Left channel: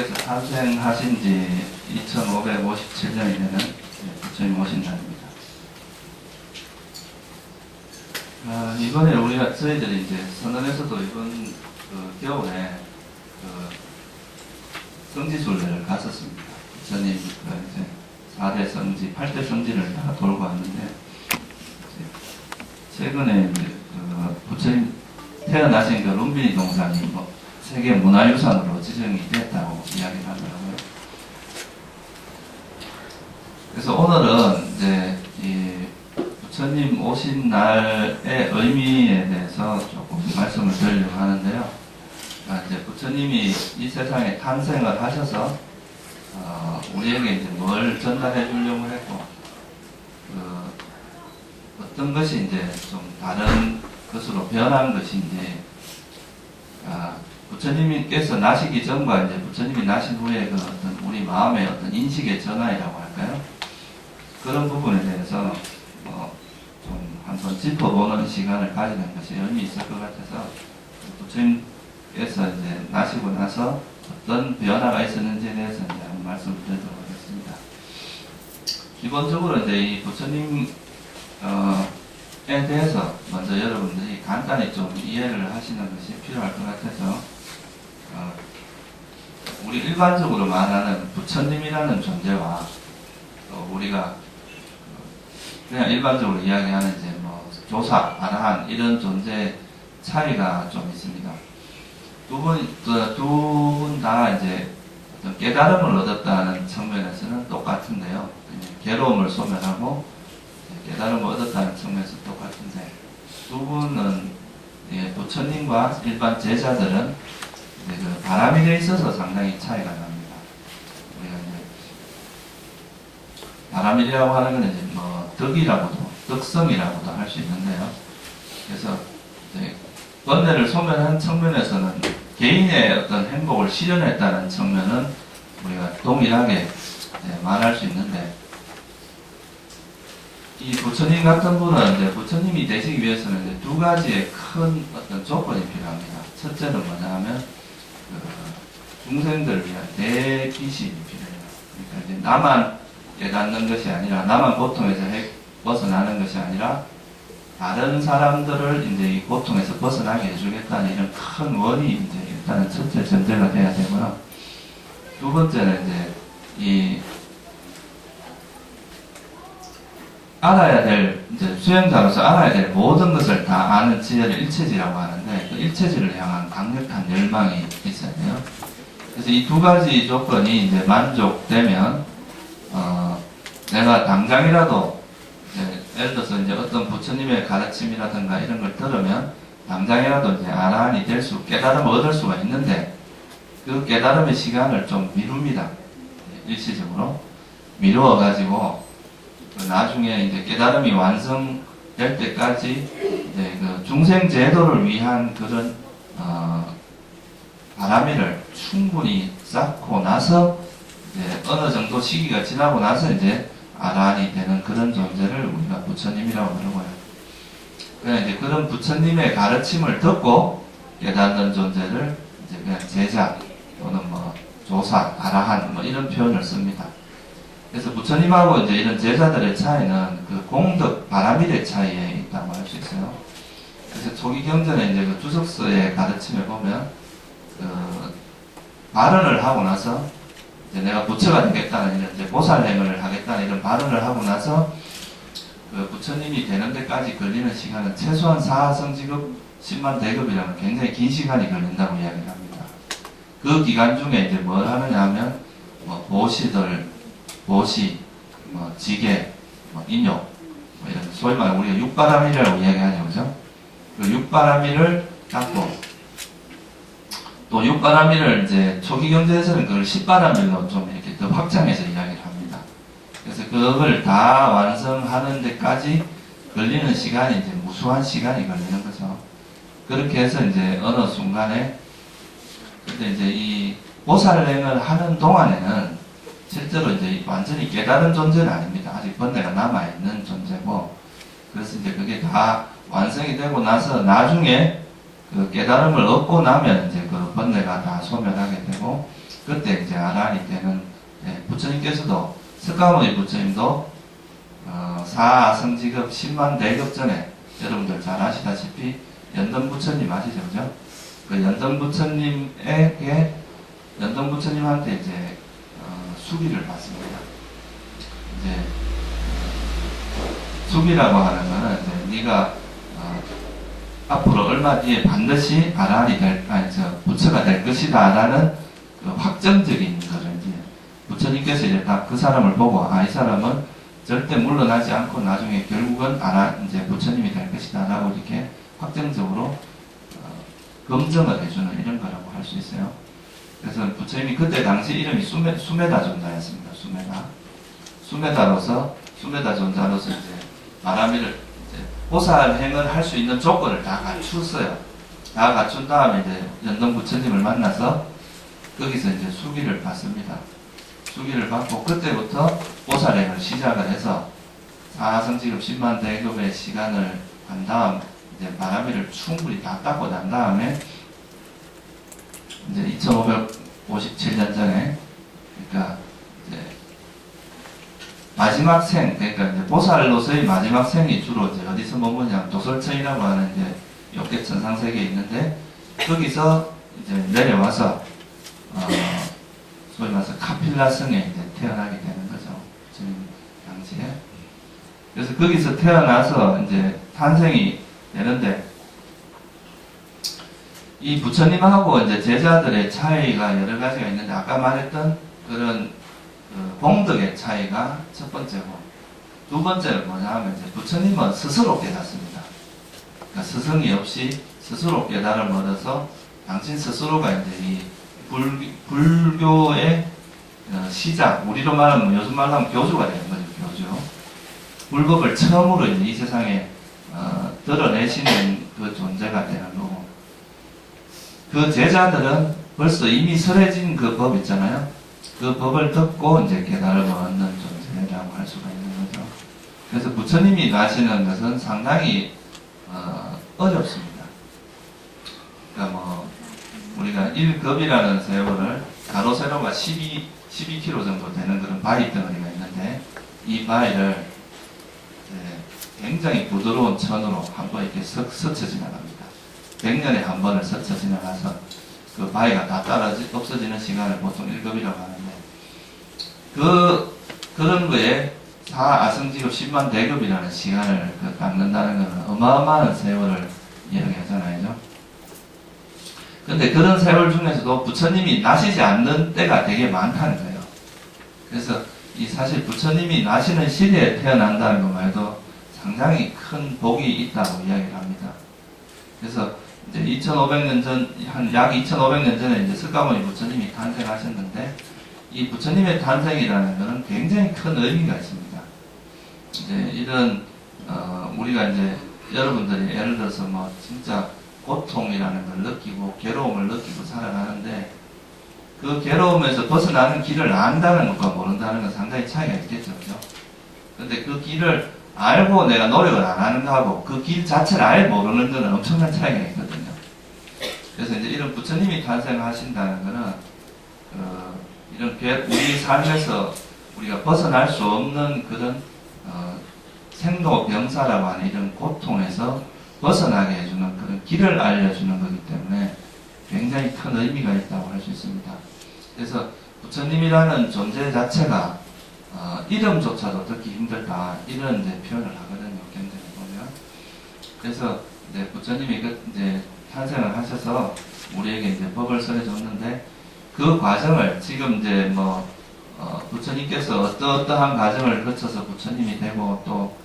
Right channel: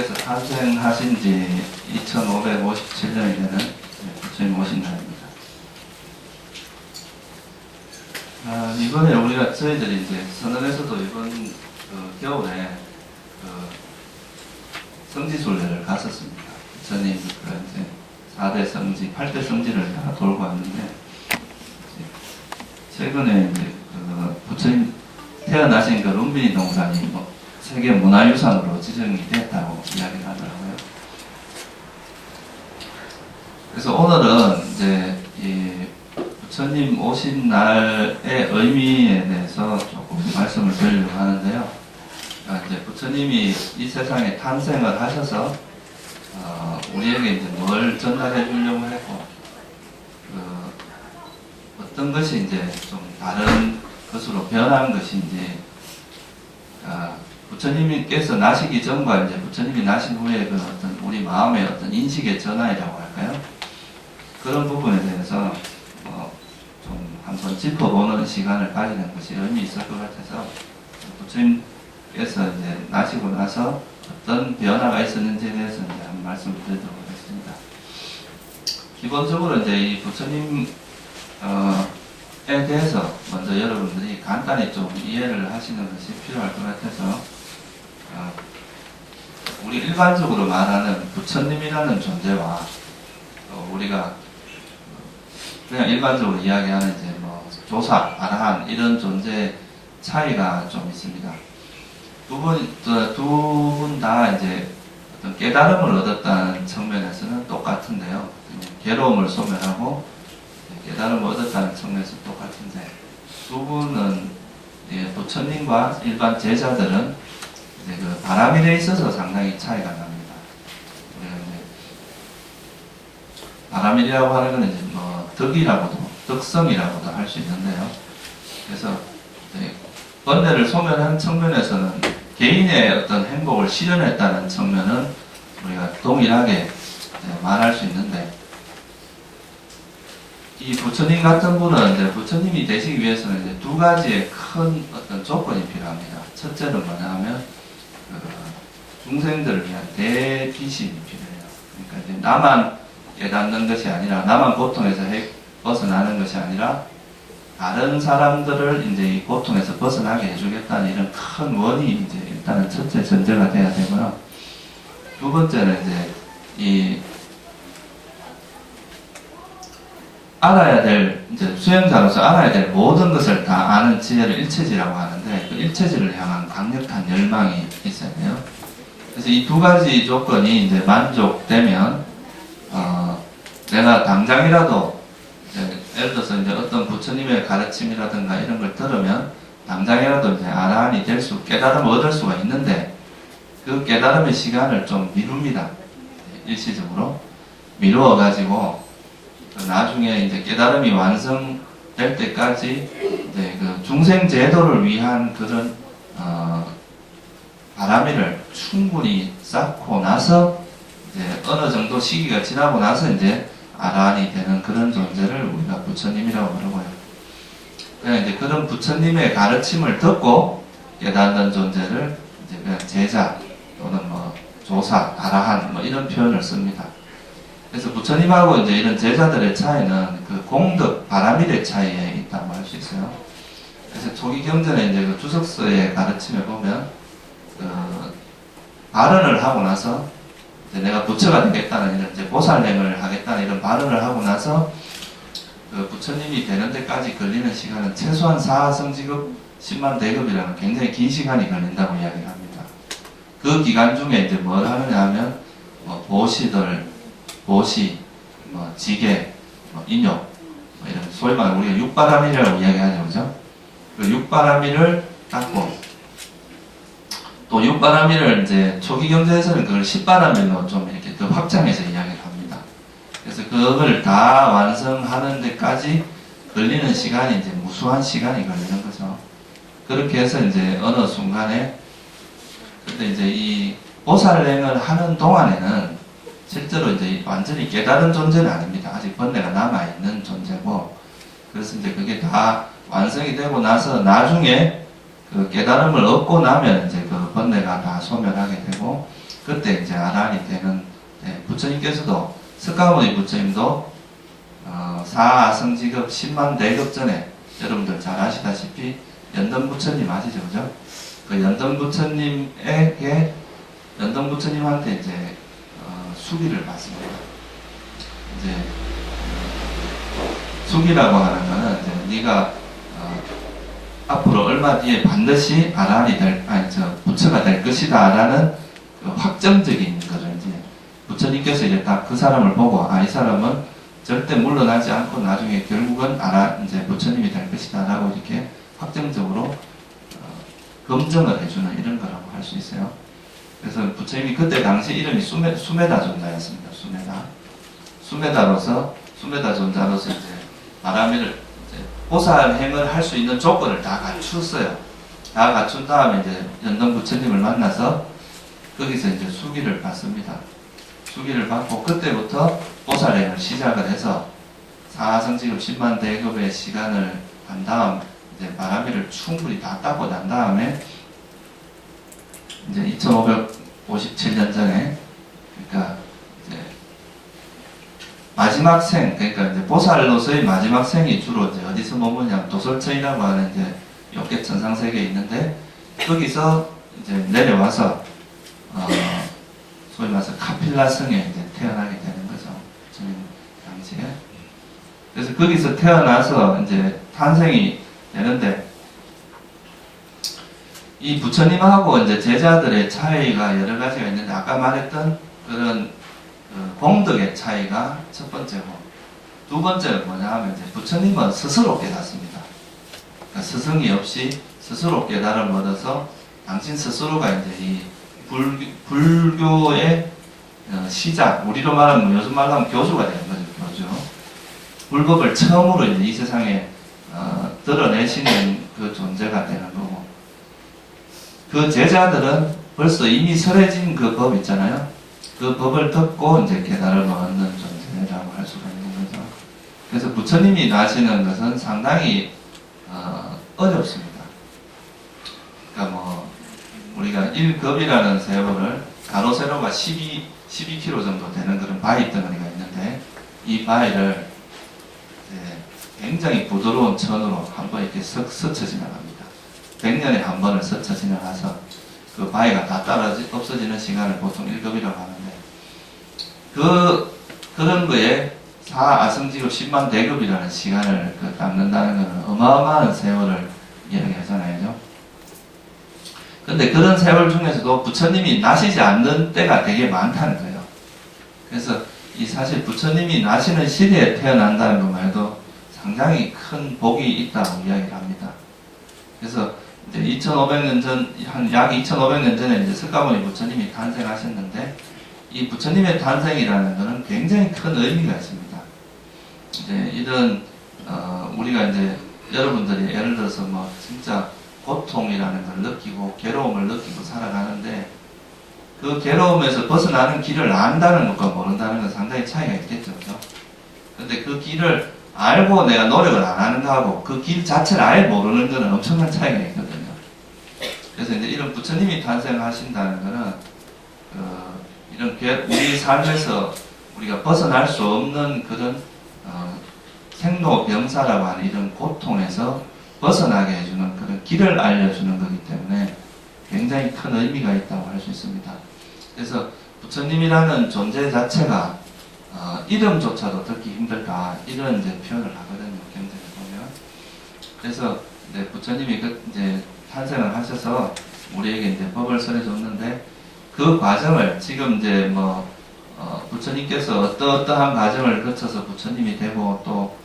부처님께서 탄생하신 지 2557년이 되는 부처님 오신 날입니다. 이번에 저희들이 이제 선언에서도 이번 겨울에 성지순례를 갔었습니다. 부처님 이제 4대 성지, 8대 성지를 다 돌고 왔는데, 최근에 이제 부처님 태어나신 그 룸비니 동산이 세계 문화유산으로 지정이 됐다고 이야기를 하더라고요. 그래서 오늘은 이제 이 부처님 오신 날의 의미에 대해서 조금 말씀을 드리려고 하는데요. 이제 부처님이 이 세상에 탄생을 하셔서 우리에게 이제 뭘 전달해 주려고 했고, 어떤 것이 이제 좀 다른 것으로 변한 것인지, 부처님께서 나시기 전과 이제 부처님이 나신 후에 그 어떤 우리 마음의 어떤 인식의 전환이라고 할까요? 그런 부분에 대해서 좀 한번 짚어보는 시간을 가지는 것이 의미 있을 것 같아서, 부처님께서 이제 나시고 나서 어떤 변화가 있었는지에 대해서 이제 한번 말씀을 드리도록 하겠습니다. 기본적으로 이제 이 부처님에 대해서 먼저 여러분들이 간단히 좀 이해를 하시는 것이 필요할 것 같아서, 우리 일반적으로 말하는 부처님이라는 존재와 우리가 그냥 일반적으로 이야기하는 이제 조사, 아라한 이런 존재 차이가 좀 있습니다. 두 분 다 이제 어떤 깨달음을 얻었다는 측면에서는 똑같은데요. 괴로움을 소멸하고 깨달음을 얻었다는 측면에서 똑같은데, 두 분은 부처님과 일반 제자들은 이제 그 바람일에 있어서 상당히 차이가 납니다. 우리가 이제 바람일이라고 하는 건 이제 덕이라고도, 덕성이라고도 할 수 있는데요. 그래서 이제 번뇌를 소멸한 측면에서는 개인의 어떤 행복을 실현했다는 측면은 우리가 동일하게 말할 수 있는데, 이 부처님 같은 분은 이제 부처님이 되시기 위해서는 이제 두 가지의 큰 어떤 조건이 필요합니다. 첫째는 뭐냐 하면 중생들을 위한 대기심이 필요해요. 그러니까 이제 나만 깨닫는 것이 아니라, 나만 고통에서 벗어나는 것이 아니라 다른 사람들을 이제 이 고통에서 벗어나게 해주겠다는 이런 큰 원이 이제 일단은 첫째 전제가 돼야 되고요. 두 번째는 이제 이 알아야 될, 이제 수행자로서 알아야 될 모든 것을 다 아는 지혜를 일체지라고 하는데, 그 일체지를 향한 강력한 열망이 있어야 돼요. 그래서 이 두 가지 조건이 이제 만족되면, 내가 당장이라도, 예를 들어서 이제 어떤 부처님의 가르침이라든가 이런 걸 들으면, 당장이라도 이제 아라한이 될 수, 깨달음을 얻을 수가 있는데, 그 깨달음의 시간을 좀 미룹니다. 일시적으로. 미루어가지고, 나중에 이제 깨달음이 완성될 때까지 이제 그 중생 제도를 위한 그런 바람이를 충분히 쌓고 나서 이제 어느 정도 시기가 지나고 나서 이제 아라한이 되는 그런 존재를 우리가 부처님이라고 그러고요. 그냥 이제 그런 부처님의 가르침을 듣고 깨닫는 존재를 이제 그냥 제자 또는 조사, 아라한 이런 표현을 씁니다. 그래서 부처님하고 이제 이런 제자들의 차이는 그 공덕, 바람일의 차이에 있다고 할 수 있어요. 그래서 초기 경전에 이제 그 주석서의 가르침에 보면, 발언을 하고 나서, 이제 내가 부처가 되겠다는 이런 이제 보살행을 하겠다는 이런 발언을 하고 나서, 그 부처님이 되는 데까지 걸리는 시간은 최소한 4성지급 10만 대급이라는 굉장히 긴 시간이 걸린다고 이야기를 합니다. 그 기간 중에 이제 뭘 하느냐 하면, 보시, 지계, 인욕, 이런 소위 말해 우리가 육바라밀이라고 이야기하죠, 그죠? 그 육바라밀을 닦고, 또 육바라밀을 이제 초기 경제에서는 그걸 십바라밀로 좀 이렇게 더 확장해서 이야기를 합니다. 그래서 그걸 다 완성하는 데까지 걸리는 시간이 이제 무수한 시간이 걸리는 거죠. 그렇게 해서 이제 어느 순간에, 근데 이제 이 보살행을 하는 동안에는 실제로 이제 완전히 깨달은 존재는 아닙니다. 아직 번뇌가 남아있는 존재고, 그래서 이제 그게 다 완성이 되고 나서 나중에 그 깨달음을 얻고 나면 이제 그 번뇌가 다 소멸하게 되고, 그때 이제 아란이 되는, 부처님께서도 석가모니 부처님도 사아성지급 10만 대급 전에 여러분들 잘 아시다시피 연등 부처님 아시죠, 그죠? 그 연등 부처님에게 연등 부처님한테 이제 수기를 받습니다. 이제 수기라고 하는 거는 이제 네가 앞으로 얼마 뒤에 반드시 아란이 부처가 될 것이다라는 그 확정적인 것을 이제 부처님께서 이제 딱 그 사람을 보고 이 사람은 절대 물러나지 않고 나중에 결국은 이제 부처님이 될 것이다라고 이렇게 확정적으로 검증을 해주는 이런 거라고 할 수 있어요. 그래서 부처님이 그때 당시 이름이 수메다 존자였습니다. 수메다 존자로서 이제 마라미를 이제 보살행을 할 수 있는 조건을 다 갖췄어요. 다 갖춘 다음에 이제 연등 부처님을 만나서 거기서 이제 수기를 받습니다. 수기를 받고 그때부터 보살행을 시작을 해서 사성지급 10만 대급의 시간을 한 다음 이제 마라미를 충분히 다 닦고 난 다음에 이제 2557년경에 그러니까 이제 마지막 생, 그러니까 이제 보살로서의 마지막 생이 주로 이제 어디서 머무냐면 도솔천이라고 하는 이제 욕계천상 세계에 있는데 거기서 이제 내려와서 소위 말해서 카필라 성에 이제 태어나게 되는 거죠. 지금 당시에. 그래서 거기서 태어나서 이제 탄생이 되는데 이 부처님하고 이제 제자들의 차이가 여러 가지가 있는데 아까 말했던 그런 공덕의 차이가 첫 번째고 두 번째는 뭐냐 하면 이제 부처님은 스스로 깨닫습니다. 그러니까 스승이 없이 스스로 깨달음을 얻어서 당신 스스로가 이제 이 불교의 시작, 우리로 말하면 요즘 말로 하면 교주가 되는 거죠. 교주. 불법을 처음으로 이제 이 세상에 드러내시는 그 존재가 되는 거고 그 제자들은 벌써 이미 설해진 그 법 있잖아요. 그 법을 듣고 이제 깨달음을 얻는 존재라고 할 수가 있는 거죠. 그래서 부처님이 나시는 것은 상당히 어렵습니다. 그러니까 뭐 우리가 1급이라는 세월을 가로 세로가 12km 정도 되는 그런 바위 덩어리가 있는데 이 바위를 굉장히 부드러운 천으로 한번 이렇게 스쳐 지나갑니다. 100년에 한 번을 스쳐 지나가서 그 바위가 다 없어지는 시간을 보통 1급이라고 하는데 그런 거에 사아성지급 10만 대급이라는 시간을 갖는다는 것은 어마어마한 세월을 이야기하잖아요. 근데 그런 세월 중에서도 부처님이 나시지 않는 때가 되게 많다는 거예요. 그래서 이 사실 부처님이 나시는 시대에 태어난다는 것 말도 상당히 큰 복이 있다고 이야기를 합니다. 그래서 이제 2500년 전, 한 약 2500년 전에 이제 석가모니 부처님이 탄생하셨는데 이 부처님의 탄생이라는 것은 굉장히 큰 의미가 있습니다. 이제 이런 우리가 이제 여러분들이 예를 들어서 뭐 진짜 고통이라는 걸 느끼고 괴로움을 느끼고 살아가는데 그 괴로움에서 벗어나는 길을 안다는 것과 모른다는 건 상당히 차이가 있겠죠. 그죠? 근데 그 길을 알고 내가 노력을 안 하는 거하고 그 길 자체를 아예 모르는 거는 엄청난 차이가 있거든요. 그래서 이제 이런 부처님이 탄생하신다는 거는 이런 우리 삶에서 우리가 벗어날 수 없는 그런 생로병사라고 하는 이런 고통에서 벗어나게 해주는 그런 길을 알려주는 거기 때문에 굉장히 큰 의미가 있다고 할 수 있습니다. 그래서 부처님이라는 존재 자체가 이름조차도 듣기 힘들다 이런 이제 표현을 하거든요. 경전에 보면. 그래서 이제 부처님이 이제 탄생을 하셔서 우리에게 이제 법을 설해줬는데 그 과정을 지금 이제 뭐 부처님께서 어떠한 과정을 거쳐서 부처님이 되고 또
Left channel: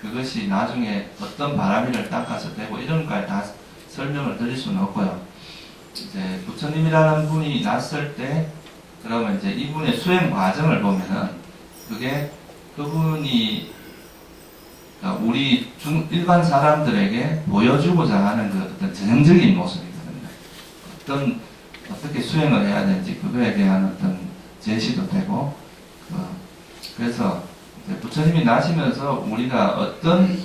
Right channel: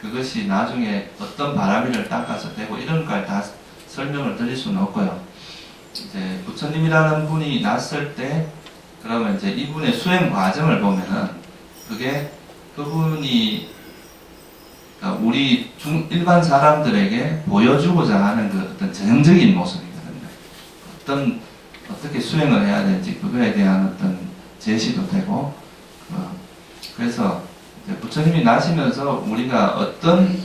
그것이 나중에 어떤 바람이를 닦아서 되고 이런 걸 다 설명을 드릴 수는 없고요. 이제 부처님이라는 분이 났을 때 그러면 이제 이분의 수행 과정을 보면은 그게 그분이 그러니까 우리 일반 사람들에게 보여주고자 하는 그 어떤 전형적인 모습이거든요. 어떻게 수행을 해야 되는지 그거에 대한 어떤 제시도 되고 그래서 부처님이 나시면서 우리가 어떤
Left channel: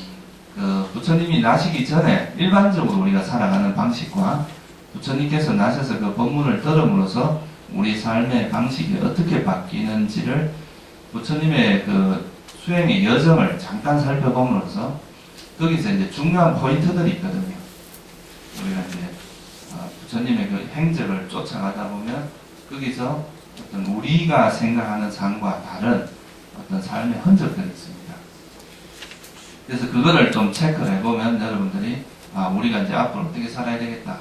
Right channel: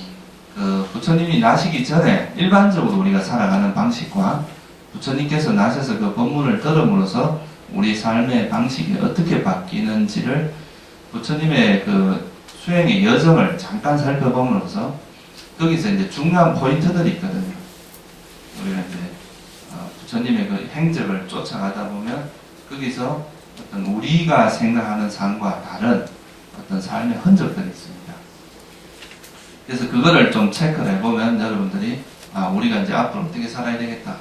부처님이 나시기 전에 일반적으로 우리가 살아가는 방식과 부처님께서 나셔서 그 법문을 들음으로써 우리 삶의 방식이 어떻게 바뀌는지를 부처님의 그 수행의 여정을 잠깐 살펴봄으로써 거기서 이제 중요한 포인트들이 있거든요. 우리가 이제 부처님의 그 행적을 쫓아가다 보면 거기서 어떤 우리가 생각하는 삶과 다른 어떤 삶의 흔적들이 있습니다. 그래서 그거를 좀 체크를 해보면 여러분들이 우리가 이제 앞으로 어떻게 살아야 되겠다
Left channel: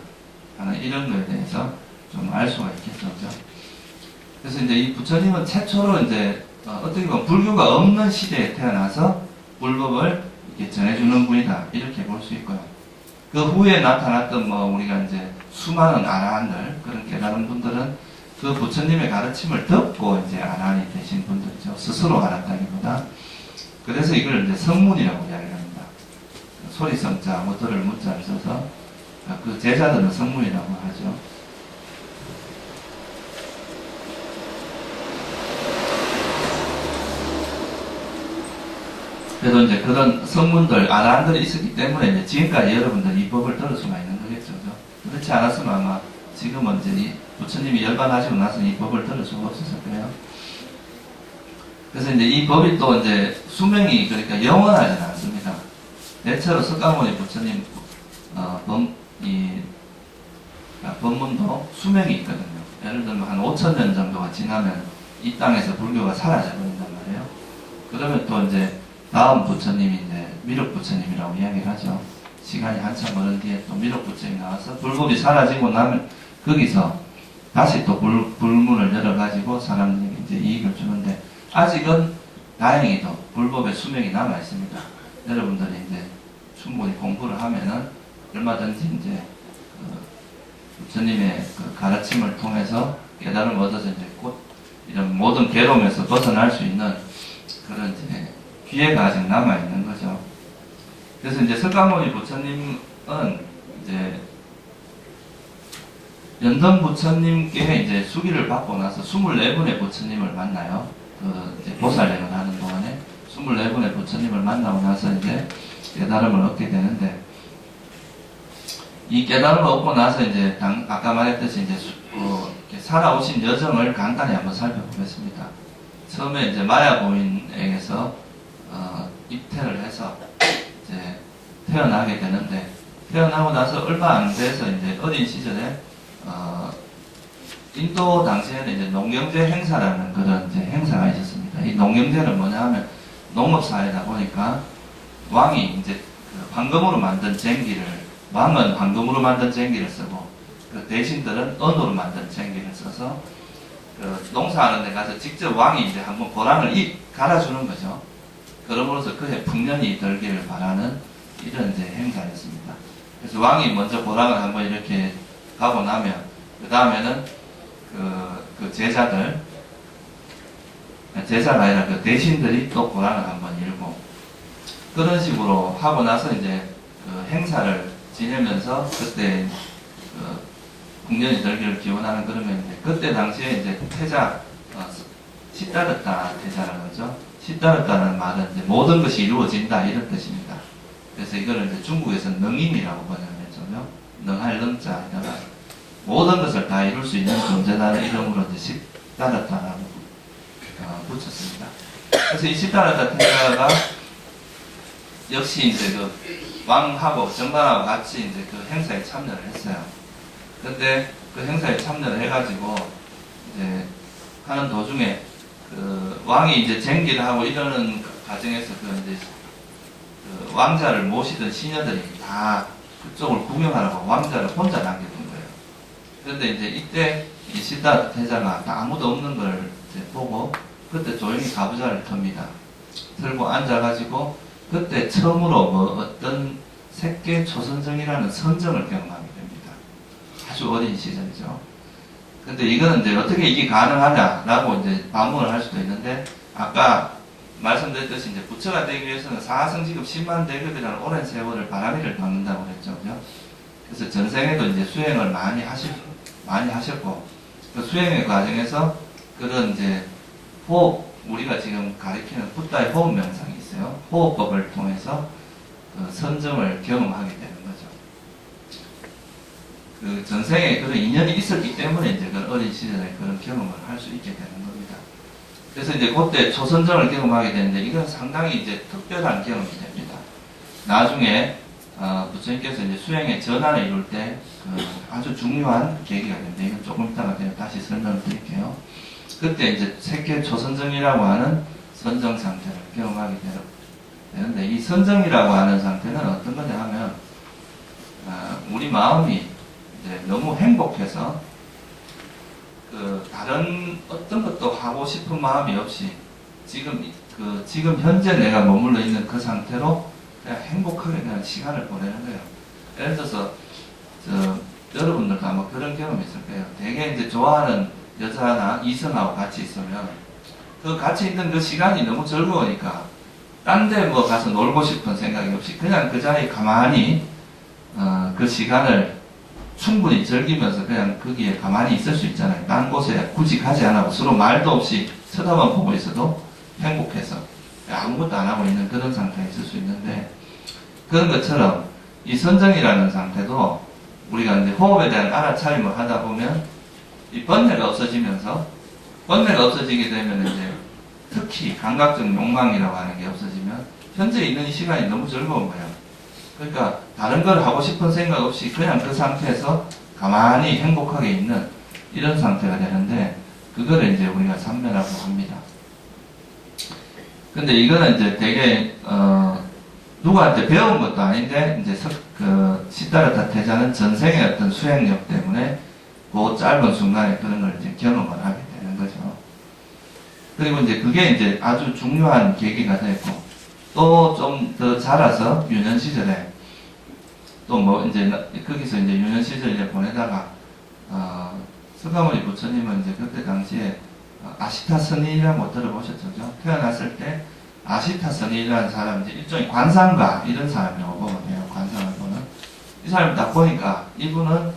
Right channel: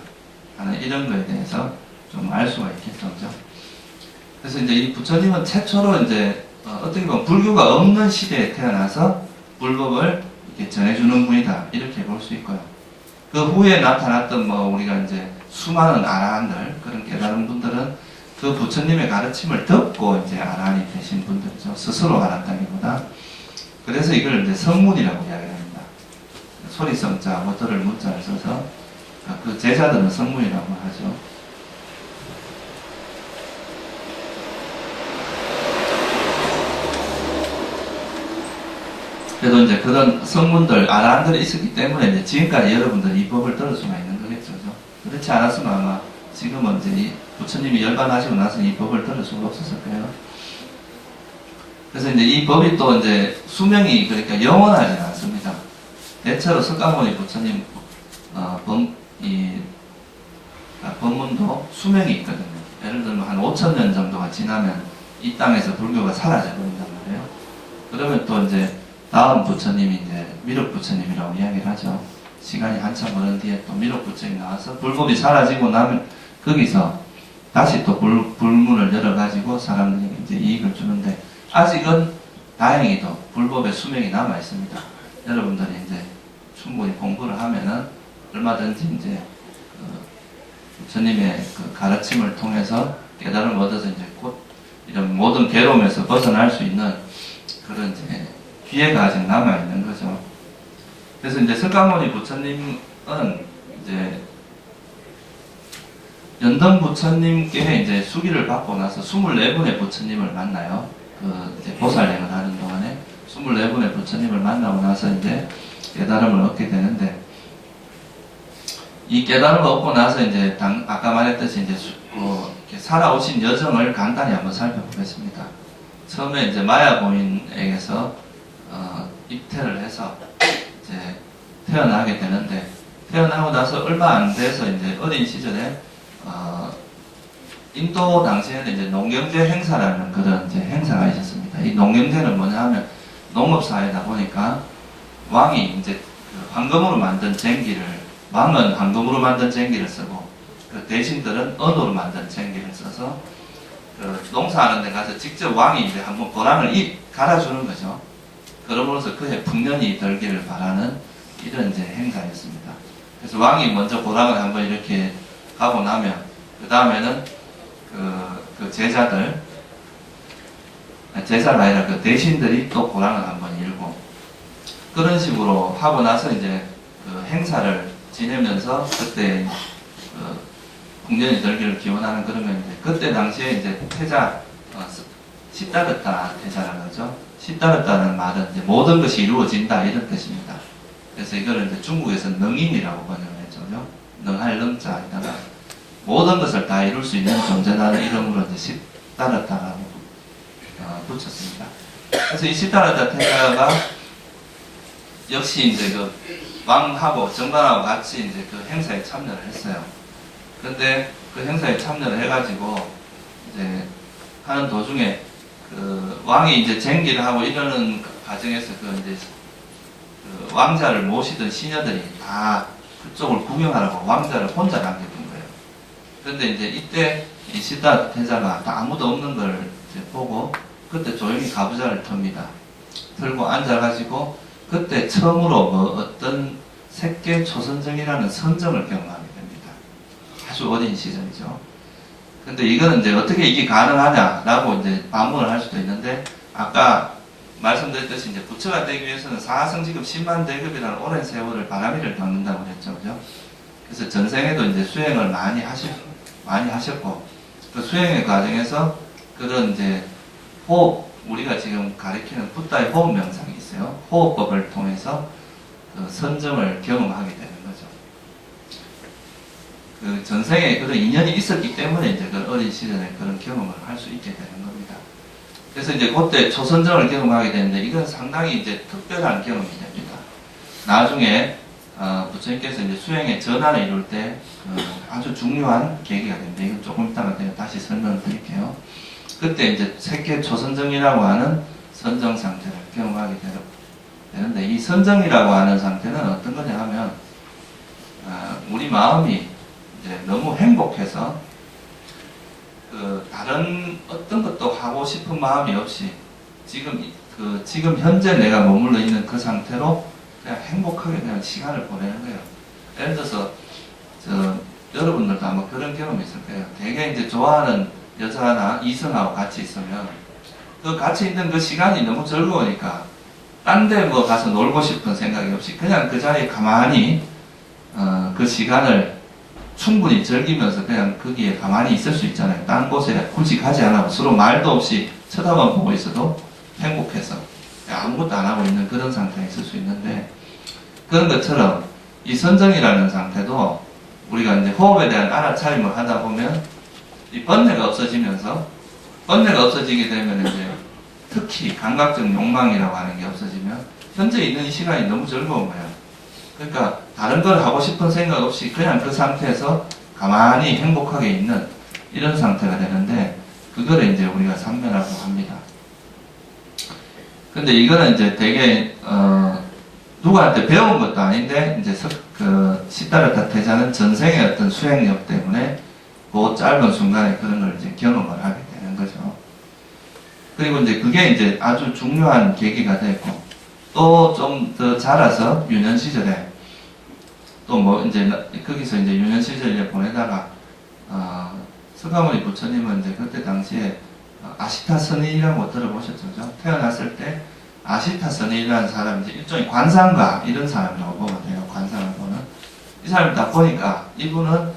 하는 이런 거에 대해서 좀 알 수가 있겠죠. 그죠? 그래서 이제 이 부처님은 최초로 이제 어떻게 보면 불교가 없는 시대에 태어나서 불법을 이렇게 전해주는 분이다. 이렇게 볼 수 있고요. 그 후에 나타났던 우리가 이제 수많은 아라한들, 그런 깨달은 분들은 그 부처님의 가르침을 듣고 이제 아라한이 되신 분들이죠. 스스로 알았다기보다. 그래서 이걸 이제 성문이라고 이야기합니다. 소리성자, 들을 문자를 써서 그 제자들은 성문이라고 하죠. 그래도 이제 그런 성문들, 아라한들이 있었기 때문에 이제 지금까지 여러분들 이 법을 들을 수가 있는 거겠죠. 그렇지 않았으면 아마 지금은 이제 이 부처님이 열반하시고 나서 이 법을 들을 수가 없었을 거예요. 그래서 이제 이 법이 또 이제 수명이 그러니까 영원하지는 않습니다. 대체로 석가모니 부처님 법문도 수명이 있거든요. 예를 들면 한 5,000년 정도가 지나면 이 땅에서 불교가 사라져 버린단 말이에요. 그러면 또 이제 다음 부처님이 이제 미륵 부처님이라고 이야기를 하죠. 시간이 한참 오른 뒤에 또 미륵 부처님이 나와서 불법이 사라지고 나면 거기서 다시 또 불문을 열어가지고 사람들에게 이제 이익을 주는데 아직은 다행히도 불법의 수명이 남아 있습니다. 여러분들이 이제 충분히 공부를 하면은 얼마든지 이제 부처님의 그 가르침을 통해서 깨달음을 얻어서 이제 곧 이런 모든 괴로움에서 벗어날 수 있는 그런 이제 기회가 아직 남아 있는 거죠. 그래서 이제 석가모니 부처님은 이제 연던 부처님께 이제 수기를 받고 나서 24분의 부처님을 만나요. 그 이제 보살행을 하는 동안에 24분의 부처님을 만나고 나서 이제 깨달음을 얻게 되는데 이 깨달음을 얻고 나서 이제 아까 말했듯이 이제 이렇게 살아오신 여정을 간단히 한번 살펴보겠습니다. 처음에 이제 마야 고인에게서 입퇴를 해서 이제 태어나게 되는데 태어나고 나서 얼마 안 돼서 이제 어린 시절에 인도 당시에는 이제 농경제 행사라는 그런 이제 행사가 있었습니다. 이 농경제는 뭐냐 하면 농업사회다 보니까 왕이 이제 그 황금으로 만든 쟁기를 왕은 황금으로 만든 쟁기를 쓰고 그 대신들은 은으로 만든 쟁기를 써서 그 농사하는 데 가서 직접 왕이 이제 한번 보람을 갈아주는 거죠. 그러므로서 그의 풍년이 들기를 바라는 이런 이제 행사였습니다. 그래서 왕이 먼저 보람을 한번 이렇게 가고 나면 그 다음에는 그 제자가 아니라 그 대신들이 또 보람을 한번 일고 그런 식으로 하고 나서 이제 그 행사를 지내면서 그때 그 풍년이 들기를 기원하는 그러면 이제 그때 당시에 이제 태자 시다르타 태자라는 거죠. 시다르타는 말은 이제 모든 것이 이루어진다 이런 뜻입니다. 그래서 이거를 이제 중국에서는 능인이라고 번역을 했죠. 능할 능자에다가 모든 것을 다 이룰 수 있는 존재라는 이름으로 이제 시다르타라고 붙였습니다. 그래서 이 시다르타 태자가 역시 이제 그 왕하고 정관하고 같이 이제 그 행사에 참여를 했어요. 근데 그 행사에 참여를 해가지고 이제 하는 도중에 그 왕이 이제 쟁기를 하고 이러는 과정에서 그 이제 그 왕자를 모시던 시녀들이 다 그쪽을 구경하라고 왕자를 혼자 남겨둔 거예요. 그런데 이제 이때 이 시다르타 태자가 아무도 없는 걸 이제 보고 그때 조용히 가부좌를 틉니다. 들고 앉아가지고 그때 처음으로 어떤 색계 초선정이라는 선정을 경험하게 됩니다. 아주 어린 시절이죠. 근데 이거는 이제 어떻게 이게 가능하냐라고 이제 반문을 할 수도 있는데 아까 말씀드렸듯이 이제 부처가 되기 위해서는 사성지급 10만 대급이라는 오랜 세월을 바라미를 닦는다고 그랬죠. 그죠? 그래서 전생에도 이제 수행을 많이 하셨고 그 수행의 과정에서 그런 이제 호흡 우리가 지금 가리키는 붓다의 호흡 명상이 있어요. 호흡법을 통해서 그 선정을 경험하게 되는 거죠. 그 전생에 그런 인연이 있었기 때문에 이제 그 어린 시절에 그런 경험을 할 수 있게 되는 겁니다. 그래서 이제 그때 초선정을 경험하게 되는데 이건 상당히 이제 특별한 경험이 됩니다. 나중에 부처님께서 이제 수행의 전환을 이룰 때 아주 중요한 계기가 됩니다. 이건 조금 이따가 다시 설명을 드릴게요. 그때 이제 색계 초선정이라고 하는 선정 상태를 경험하게 되는데 이 선정이라고 하는 상태는 어떤 거냐 하면 우리 마음이 이제 너무 행복해서 다른 어떤 것도 하고 싶은 마음이 없이 지금 현재 내가 머물러 있는 그 상태로 그냥 행복하게 그냥 시간을 보내는 거예요. 예를 들어서 여러분들도 아마 그런 경험이 있을 거예요. 되게 이제 좋아하는 여자나 이성하고 같이 있으면 그 같이 있는 그 시간이 너무 즐거우니까 딴 데 뭐 가서 놀고 싶은 생각이 없이 그냥 그 자리에 가만히 그 시간을 충분히 즐기면서 그냥 거기에 가만히 있을 수 있잖아요. 딴 곳에 굳이 가지 않아도 서로 말도 없이 쳐다만 보고 있어도 행복해서 아무것도 안 하고 있는 그런 상태에 있을 수 있는데 그런 것처럼 이 선정이라는 상태도 우리가 이제 호흡에 대한 알아차림을 하다 보면 이 번뇌가 없어지면서 번뇌가 없어지게 되면 이제 특히 감각적 욕망이라고 하는 게 없어지면 현재 있는 이 시간이 너무 즐거운 거예요. 그러니까 다른 걸 하고 싶은 생각 없이 그냥 그 상태에서 가만히 행복하게 있는 이런 상태가 되는데 그거를 이제 우리가 삼면이라고 합니다. 근데 이거는 이제 되게 누구한테 배운 것도 아닌데 이제 시다르타 태자는 전생의 어떤 수행력 때문에 그 짧은 순간에 그런 걸 이제 경험을 하게 되는 거죠. 그리고 이제 그게 이제 아주 중요한 계기가 됐고 또 좀 더 자라서 유년 시절에 또 뭐 이제 거기서 이제 유년 시절에 보내다가 석가모니 부처님은 이제 그때 당시에 아시타 선인이라고 들어보셨죠? 태어났을 때 아시타 선인이라는 사람이 이제 일종의 관상가 이런 사람이라고 보면 돼요. 관상을 보는 이 사람을 딱 보니까 이분은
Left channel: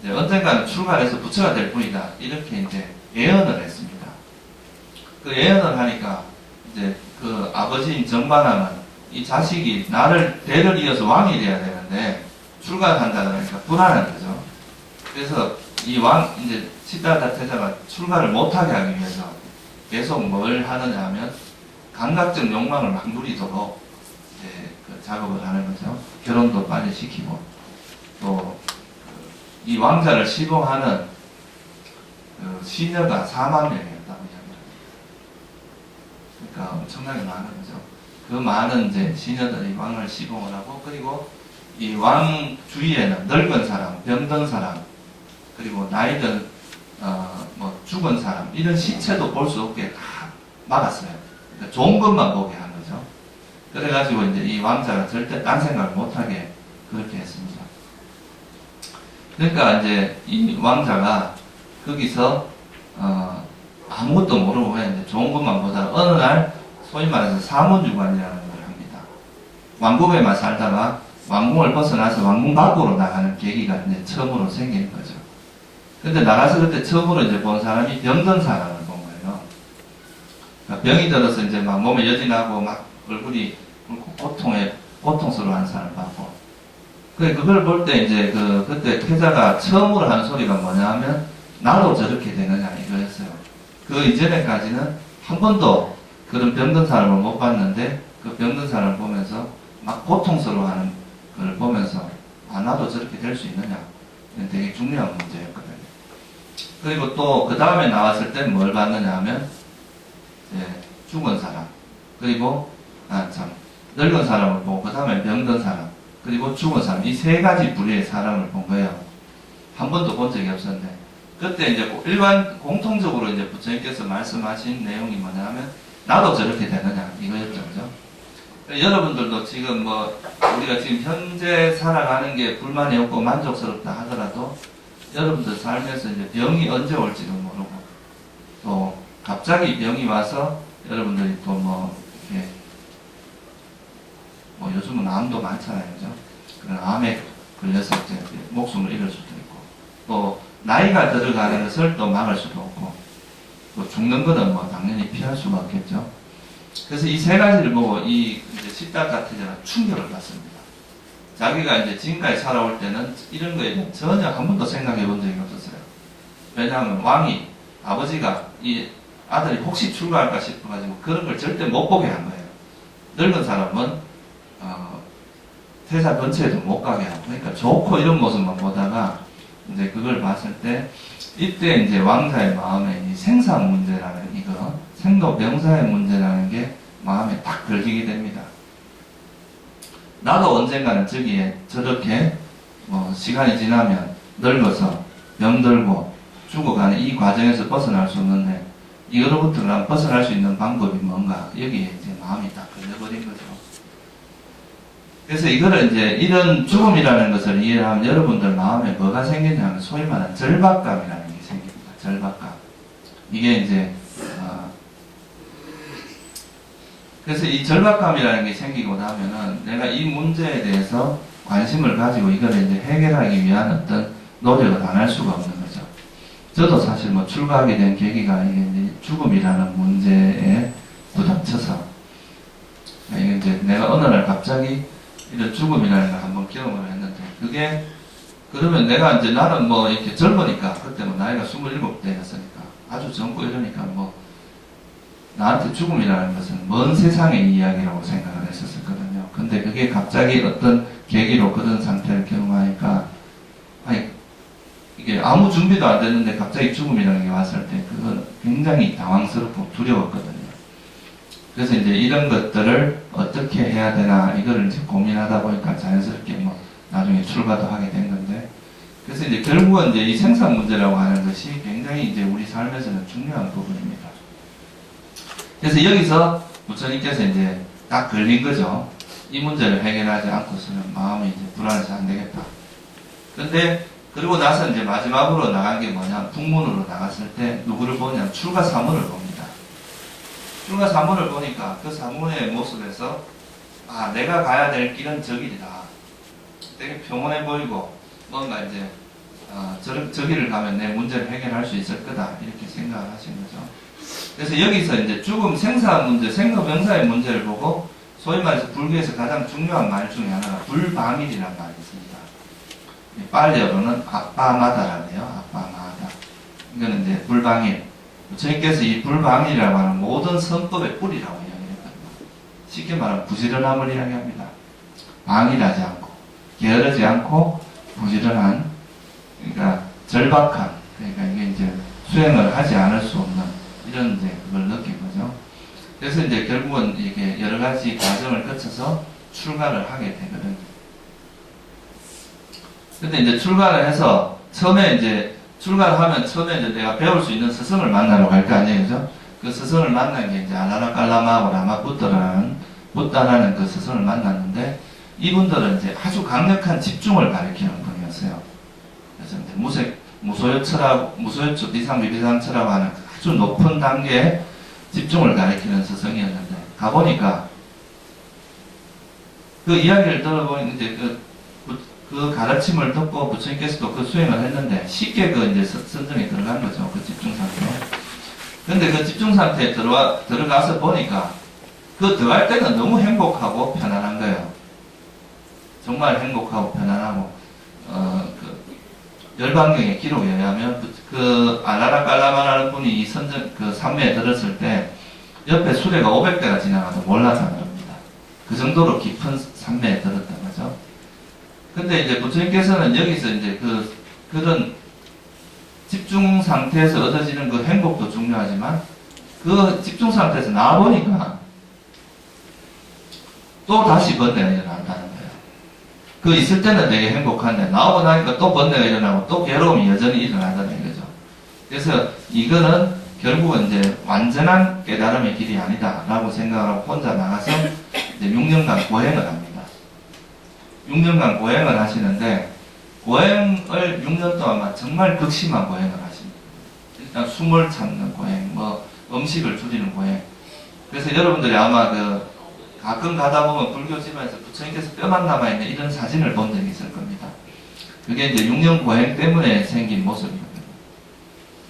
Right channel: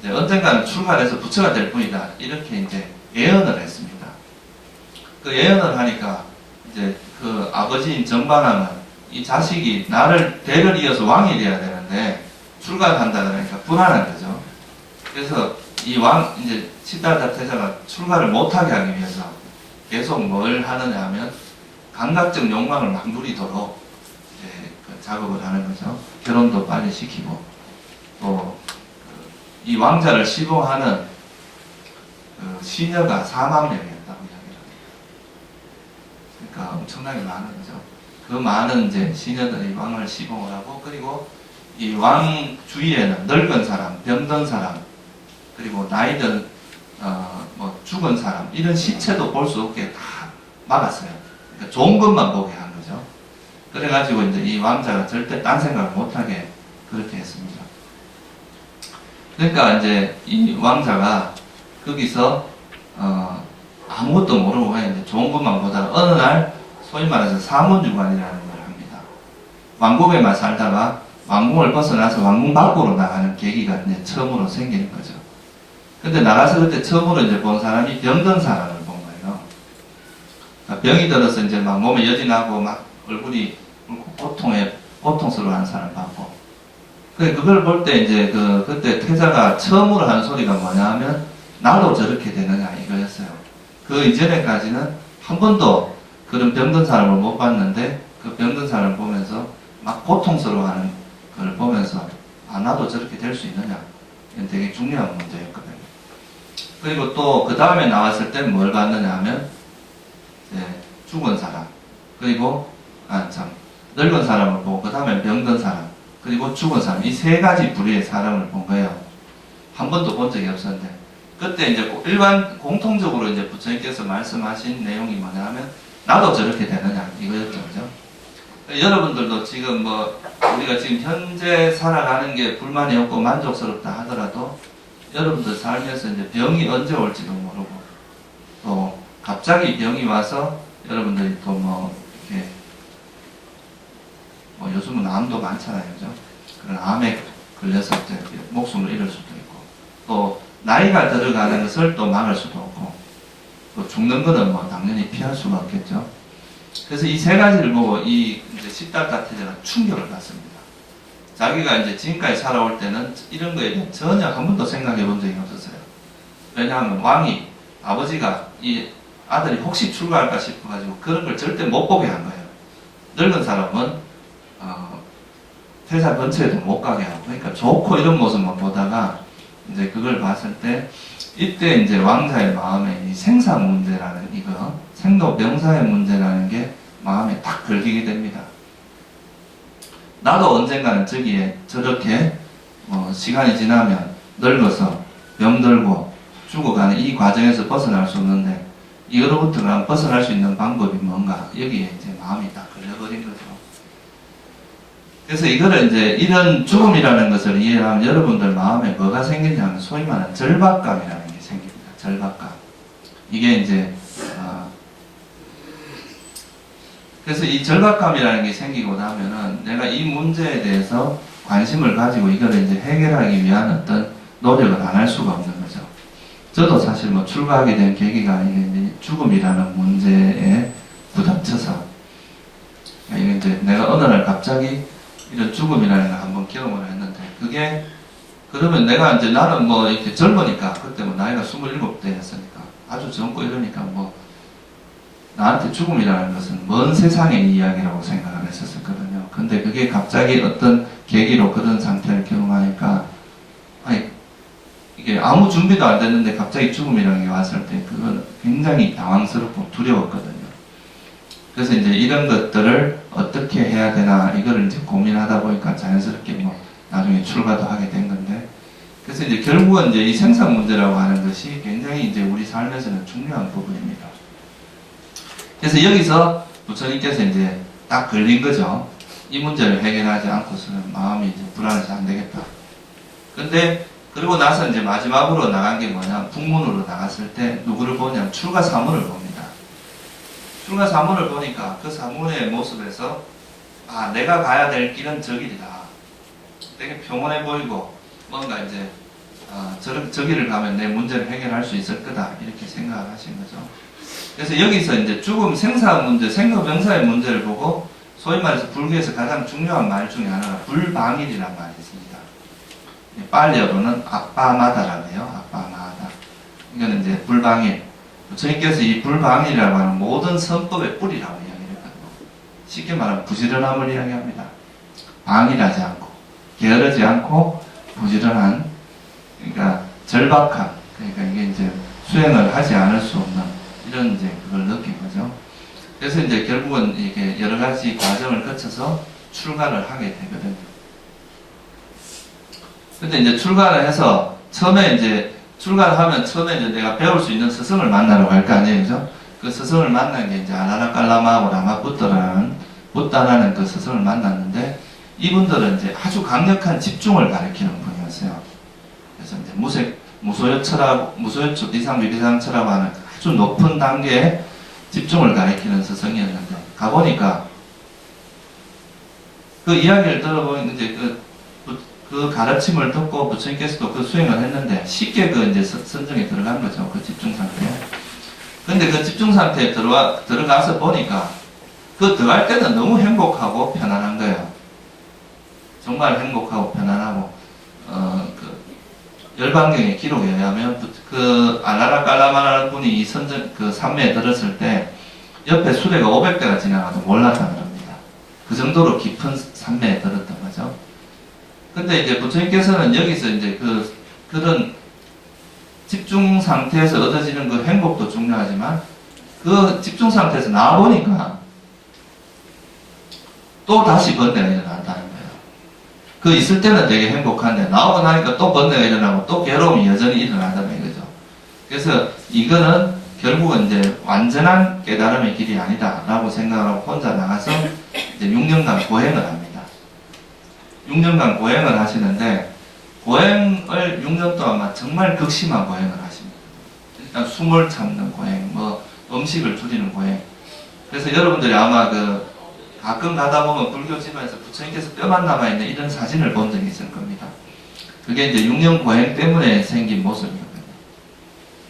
이제 언젠가는 출가해서 부처가 될 뿐이다 이렇게 이제 예언을 했습니다. 그 예언을 하니까 이제 그 아버지인 정반왕은 이 자식이 나를 대를 이어서 왕이 돼야 되는데 출가를 한다 그러니까 불안한 거죠. 그래서 이 이제 시다르타 태자가 출가를 못하게 하기 위해서 계속 뭘 하느냐 하면 감각적 욕망을 막 누리도록 이제 그 작업을 하는 거죠. 결혼도 빨리 시키고 또 이 왕자를 시봉하는 시녀가 4만 명이었다고 이야기를 합니다. 그러니까 엄청나게 많은 거죠. 그 많은 이제 시녀들이 왕을 시봉을 하고 그리고 이 왕 주위에는 늙은 사람, 병든 사람, 그리고 나이든 뭐 죽은 사람 이런 시체도 볼 수 없게 다 막았어요. 그러니까 좋은 것만 보게 한 거죠. 그래가지고 이제 이 왕자가 절대 딴 생각을 못하게 그렇게 했습니다. 그러니까 이제 이 왕자가 거기서 아무것도 모르고 그냥 이제 좋은 것만 보다가 어느 날 소위 말해서 사문유관이라는 걸 합니다. 왕궁에만 살다가 왕궁을 벗어나서 왕궁 밖으로 나가는 계기가 이제 처음으로 생기는 거죠. 근데 나가서 그때 처음으로 이제 본 사람이 병든 사람을 본 거예요. 그러니까 병이 들어서 이제 막 몸에 여지 나고 막 얼굴이 고통스러워하는 사람을 봤고. 그걸 볼 때 이제 그때 태자가 처음으로 하는 소리가 뭐냐 하면 나도 저렇게 되느냐 이거였어요. 그 이전에까지는 한 번도 그런 병든 사람을 못 봤는데 그 병든 사람을 보면서 막 고통스러워하는 걸 보면서 나도 저렇게 될 수 있느냐 이건 되게 중요한 문제였거든요. 그리고 또 그 다음에 나왔을 때 뭘 봤느냐 하면 이제 죽은 사람 그리고 늙은 사람을 보고 그 다음에 병든 사람 그리고 죽은 사람 이 세 가지 부류의 사람을 본 거예요. 한 번도 본 적이 없었는데 그때 이제 공통적으로 이제 부처님께서 말씀하신 내용이 뭐냐 하면 나도 저렇게 되느냐 이거였죠. 그죠? 여러분들도 지금 뭐 우리가 지금 현재 살아가는 게 불만이 없고 만족스럽다 하더라도 여러분들 삶에서 이제 병이 언제 올지도 모르고 또 갑자기 병이 와서 여러분들이 또 뭐 이렇게 뭐 요즘은 암도 많잖아요. 그죠? 그런 암에 걸려서 이제 목숨을 잃을 수도 있고 또 나이가 들어가는 것을 또 막을 수도 없고 또 죽는 거는 뭐 당연히 피할 수가 없겠죠. 그래서 이 세 가지를 보고 이 이제 시다르타 태자가 충격을 받습니다. 자기가 이제 지금까지 살아올 때는 이런 거에 대해 전혀 한 번도 생각해 본 적이 없었어요. 왜냐하면 왕이, 아버지가 이 아들이 혹시 출가할까 싶어가지고 그런 걸 절대 못 보게 한 거예요. 늙은 사람은 퇴사 근처에도 못 가게 하고, 그러니까 좋고 이런 모습만 보다가 이제 그걸 봤을 때 이때 이제 왕자의 마음에 이 생사 문제라는 이거, 생로병사의 문제라는 게 마음에 딱 걸리게 됩니다. 나도 언젠가는 저기에 저렇게 시간이 지나면 늙어서 병들고 죽어가는 이 과정에서 벗어날 수 없는데 이거로부터 난 벗어날 수 있는 방법이 뭔가, 여기에 이제 마음이 딱 걸려버린 거죠. 그래서 이거를 이제 이런 죽음이라는 것을 이해하면 여러분들 마음에 뭐가 생기냐면 소위 말하는 절박감이라는 게 생깁니다. 절박감. 이게 이제 그래서 이 절박감이라는 게 생기고 나면은 내가 이 문제에 대해서 관심을 가지고 이거를 이제 해결하기 위한 어떤 노력을 안 할 수가 없는 거죠. 저도 사실 뭐 출가하게 된 계기가 이게 이제 죽음이라는 문제에 부닥쳐서, 이게 이제 내가 어느 날 갑자기 이런 죽음이라는 걸 한번 경험을 했는데, 그게 그러면 내가 이제 나는 뭐 이렇게 젊으니까, 그때 뭐 나이가 27대였으니까 아주 젊고 이러니까 뭐 나한테 죽음이라는 것은 먼 세상의 이야기라고 생각을 했었거든요. 근데 그게 갑자기 어떤 계기로 그런 상태를 경험하니까, 아니, 이게 아무 준비도 안 됐는데 갑자기 죽음이라는 게 왔을 때 그건 굉장히 당황스럽고 두려웠거든요. 그래서 이제 이런 것들을 어떻게 해야 되나 이거를 이제 고민하다 보니까 자연스럽게 뭐 나중에 출가도 하게 된 건데, 그래서 이제 결국은 이제 이 생산 문제라고 하는 것이 굉장히 이제 우리 삶에서는 중요한 부분입니다. 그래서 여기서 부처님께서 이제 딱 걸린 거죠. 이 문제를 해결하지 않고서는 마음이 이제 불안해서 안 되겠다. 근데 그리고 나서 이제 마지막으로 나간 게 뭐냐, 북문으로 나갔을 때 누구를 보냐면 출가 사문을 봅니다. 출가 사문을 보니까 그 사문의 모습에서 내가 가야 될 길은 저 길이다. 되게 평온해 보이고 뭔가 이제 저 길을 가면 내 문제를 해결할 수 있을 거다, 이렇게 생각을 하신 거죠. 그래서 여기서 이제 죽음, 생사 문제, 생로병사의 문제를 보고 소위 말해서 불교에서 가장 중요한 말 중에 하나가 불방일이라는 말이 있습니다. 빨리어로는 아빠마다라네요. 아빠마다. 이거는 이제 불방일. 부처님께서 이 불방일이라고 하는 모든 선법의 뿌리라고 이야기했거든요. 쉽게 말하면 부지런함을 이야기합니다. 방일하지 않고, 게으르지 않고, 부지런한, 그러니까 절박함. 그러니까 이게 이제 수행을 하지 않을 수 없는 이런 이제 그걸 느낀 거죠. 그래서 이제 결국은 이게 여러 가지 과정을 거쳐서 출가를 하게 되거든요. 근데 이제 출가를 해서 처음에 이제 출가를 하면 처음에 이제 내가 배울 수 있는 스승을 만나러 갈 거 아니에요, 그죠? 그 스승을 만난 게 이제 아라라깔라마하고 부다라는 그 스승을 만났는데, 이분들은 이제 아주 강력한 집중을 가리키는 분이었어요. 그래서 이제 무소유처, 비상비비상처라고 하는 아주 높은 단계의 집중을 가리키는 스승이었는데, 가보니까 그 이야기를 들어보니 이제 그 가르침을 듣고 부처님께서도 그 수행을 했는데 쉽게 그 이제 선정에 들어간 거죠. 그 집중 상태. 근데 그 집중 상태에 들어가서 보니까 그 들어갈 때는 너무 행복하고 편안한 거예요. 정말 행복하고 편안하고, 그 열반경의 기록에 의하면 그 알라라깔라마라는 분이 이 그 산매에 들었을 때 옆에 수레가 500대가 지나가도 몰랐다는 겁니다. 그 정도로 깊은 산매에 들었던 거죠. 근데 이제 부처님께서는 여기서 이제 그런 집중 상태에서 얻어지는 그 행복도 중요하지만 그 집중 상태에서 나와보니까 또 다시 번뇌가 일어난다는 거예요. 그 있을 때는 되게 행복한데 나오고 나니까 또 번뇌가 일어나고 또 괴로움이 여전히 일어난다는 거죠. 그래서 이거는 결국은 이제 완전한 깨달음의 길이 아니다라고 생각하고 혼자 나가서 이제 6년간 고행을 합니다. 6년간 고행을 하시는데, 고행을 6년 동안 정말 극심한 고행을 하십니다. 일단 숨을 참는 고행, 뭐 음식을 줄이는 고행. 그래서 여러분들이 아마 가끔 가다 보면 불교 집안에서 부처님께서 뼈만 남아있는 이런 사진을 본 적이 있을 겁니다. 그게 이제 6년 고행 때문에 생긴 모습이거든요.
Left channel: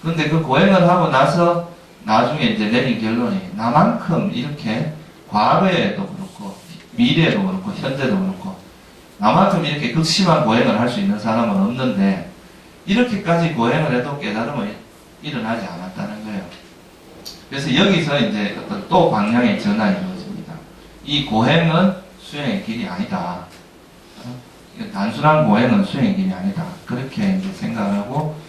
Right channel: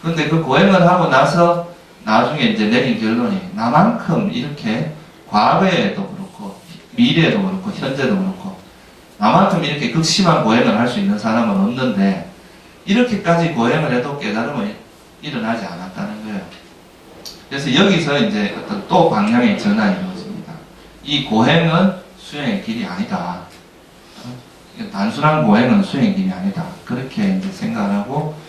그런데 그 고행을 하고 나서 나중에 이제 내린 결론이, 나만큼 이렇게 과거에도 그렇고 미래에도 그렇고 현재도 그렇고 나만큼 이렇게 극심한 고행을 할 수 있는 사람은 없는데 이렇게까지 고행을 해도 깨달음은 일어나지 않았다는 거예요. 그래서 여기서 이제 어떤 또 방향의 전환이 이루어집니다. 이 고행은 수행의 길이 아니다. 단순한 고행은 수행의 길이 아니다. 그렇게 이제 생각하고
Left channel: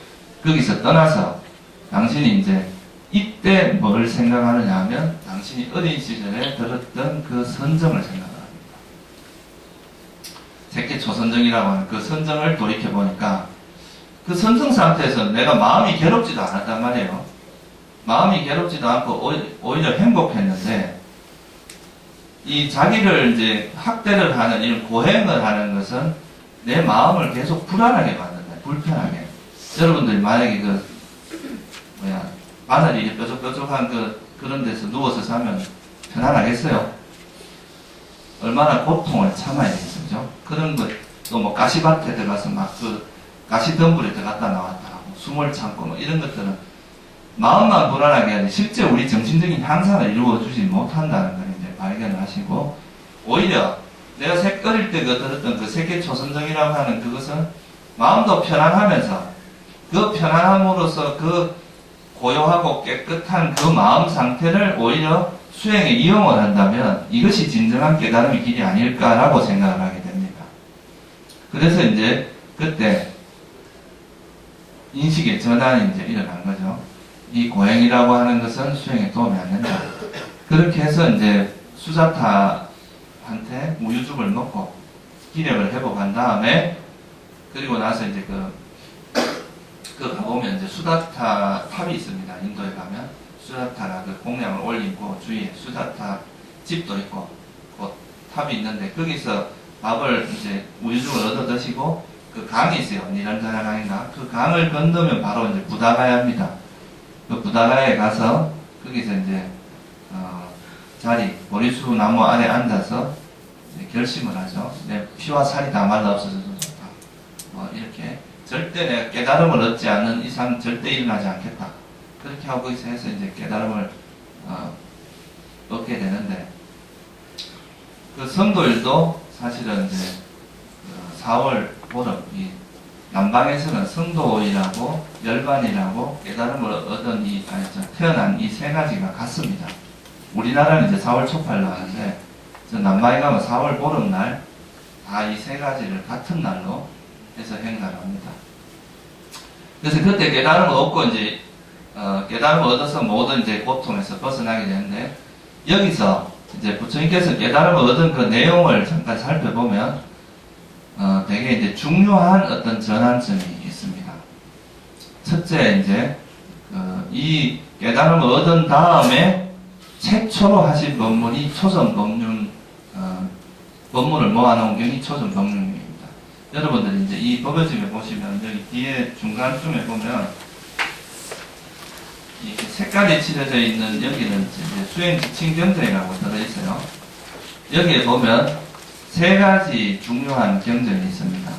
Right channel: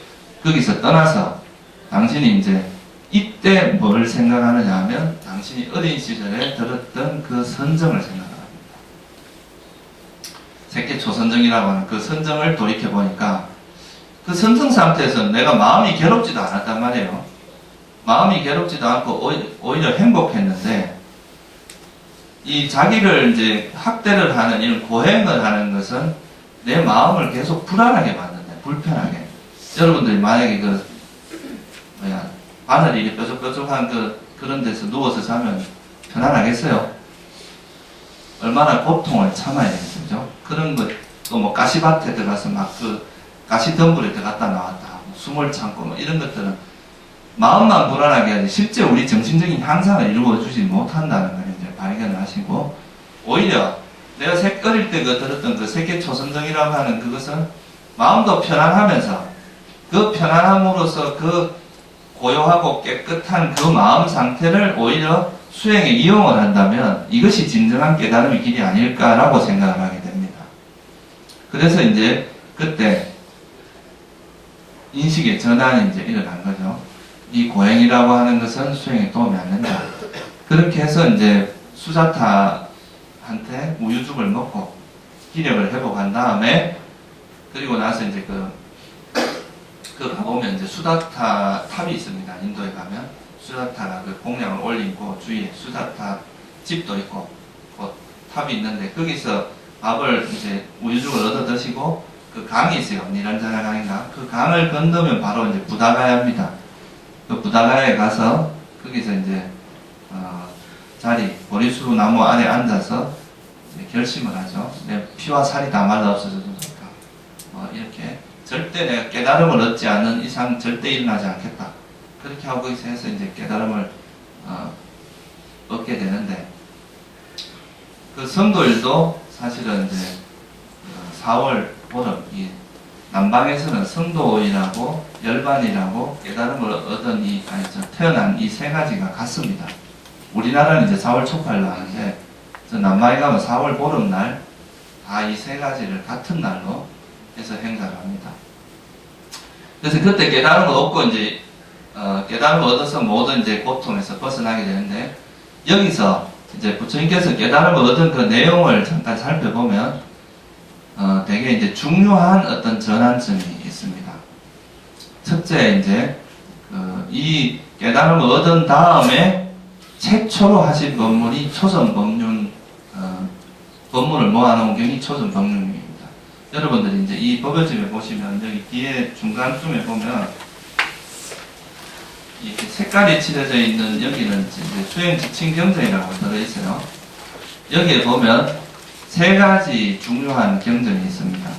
거기서 떠나서 당신이 이제 이때 뭘 생각하느냐 하면 당신이 어린 시절에 들었던 그 선정을 생각합니다. 새끼 초선정이라고 하는 그 선정을 돌이켜보니까 그 선정 상태에서 내가 마음이 괴롭지도 않았단 말이에요. 마음이 괴롭지도 않고 오히려 행복했는데 이 자기를 이제 학대를 하는 이런 고행을 하는 것은 내 마음을 계속 불안하게 만든다. 불편하게. 여러분들이 만약에 바늘이 이렇게 뾰족뾰족한 그런 데서 누워서 자면 편안하겠어요? 얼마나 고통을 참아야 되겠죠? 그런 것, 또 뭐 가시밭에 들어가서 막 가시 덤불에 들어갔다 나왔다 하고 숨을 참고 뭐 이런 것들은 마음만 불안하게 하지 실제 우리 정신적인 향상을 이루어주지 못한다는 걸 이제 발견을 하시고 오히려 내가 어릴 때 들었던 그 세계 초선정이라고 하는 그것은 마음도 편안하면서 그 편안함으로써 그 고요하고 깨끗한 그 마음 상태를 오히려 수행에 이용을 한다면 이것이 진정한 깨달음의 길이 아닐까라고 생각을 하게 됩니다. 그래서 이제 그때 인식의 전환이 이제 일어난 거죠. 이 고행이라고 하는 것은 수행에 도움이 안 된다. 그렇게 해서 이제 수자타한테 우유죽을 먹고 기력을 회복한 다음에 그리고 나서 이제 가보면 이제 수자타 탑이 있습니다. 인도에 가면 수자타가 그 공양을 올리고 주위에 수자타 집도 있고 그 탑이 있는데 거기서 밥을 이제 우유죽을 얻어 드시고 그 강이 있어요. 니란자나 강인가? 그 강을 건너면 바로 이제 부다가야입니다. 그 부다가야에 가서 거기서 이제 보리수 나무 아래 앉아서 이제 결심을 하죠. 내 피와 살이 다 말라 없어져도 좋다. 뭐 이렇게 절대 내가 깨달음을 얻지 않는 이상 절대 일어나지 않겠다. 그렇게 하고 해서 이제 깨달음을 얻게 되는데 그 성도일도 사실은 이제 4월 보름 이 남방에서는 성도이라고 열반이라고 깨달음을 얻은 태어난 이 세 가지가 같습니다. 우리나라는 이제 4월 초팔로 하는데 남방에 가면 4월 보름날 다 이 세 가지를 같은 날로 해서 행사를 합니다. 그래서 그때 깨달음을 얻고 이제 깨달음을 얻어서 모든 이제 고통에서 벗어나게 되는데 여기서 이제 부처님께서 깨달음을 얻은 그 내용을 잠깐 살펴보면 되게 이제 중요한 어떤 전환점이 있습니다. 첫째 이제 이 깨달음을 얻은 다음에 최초로 하신 법문이 초전법륜 법문을 모아놓은 경이 초전법륜입니다. 여러분들이 이제 이 법요집에 보시면 여기 뒤에 중간쯤에 보면 이렇게 색깔이 칠해져 있는 여기는 이제 수행 지침 경전이라고 들어있어요. 여기에 보면 세 가지 중요한 경전이 있습니다.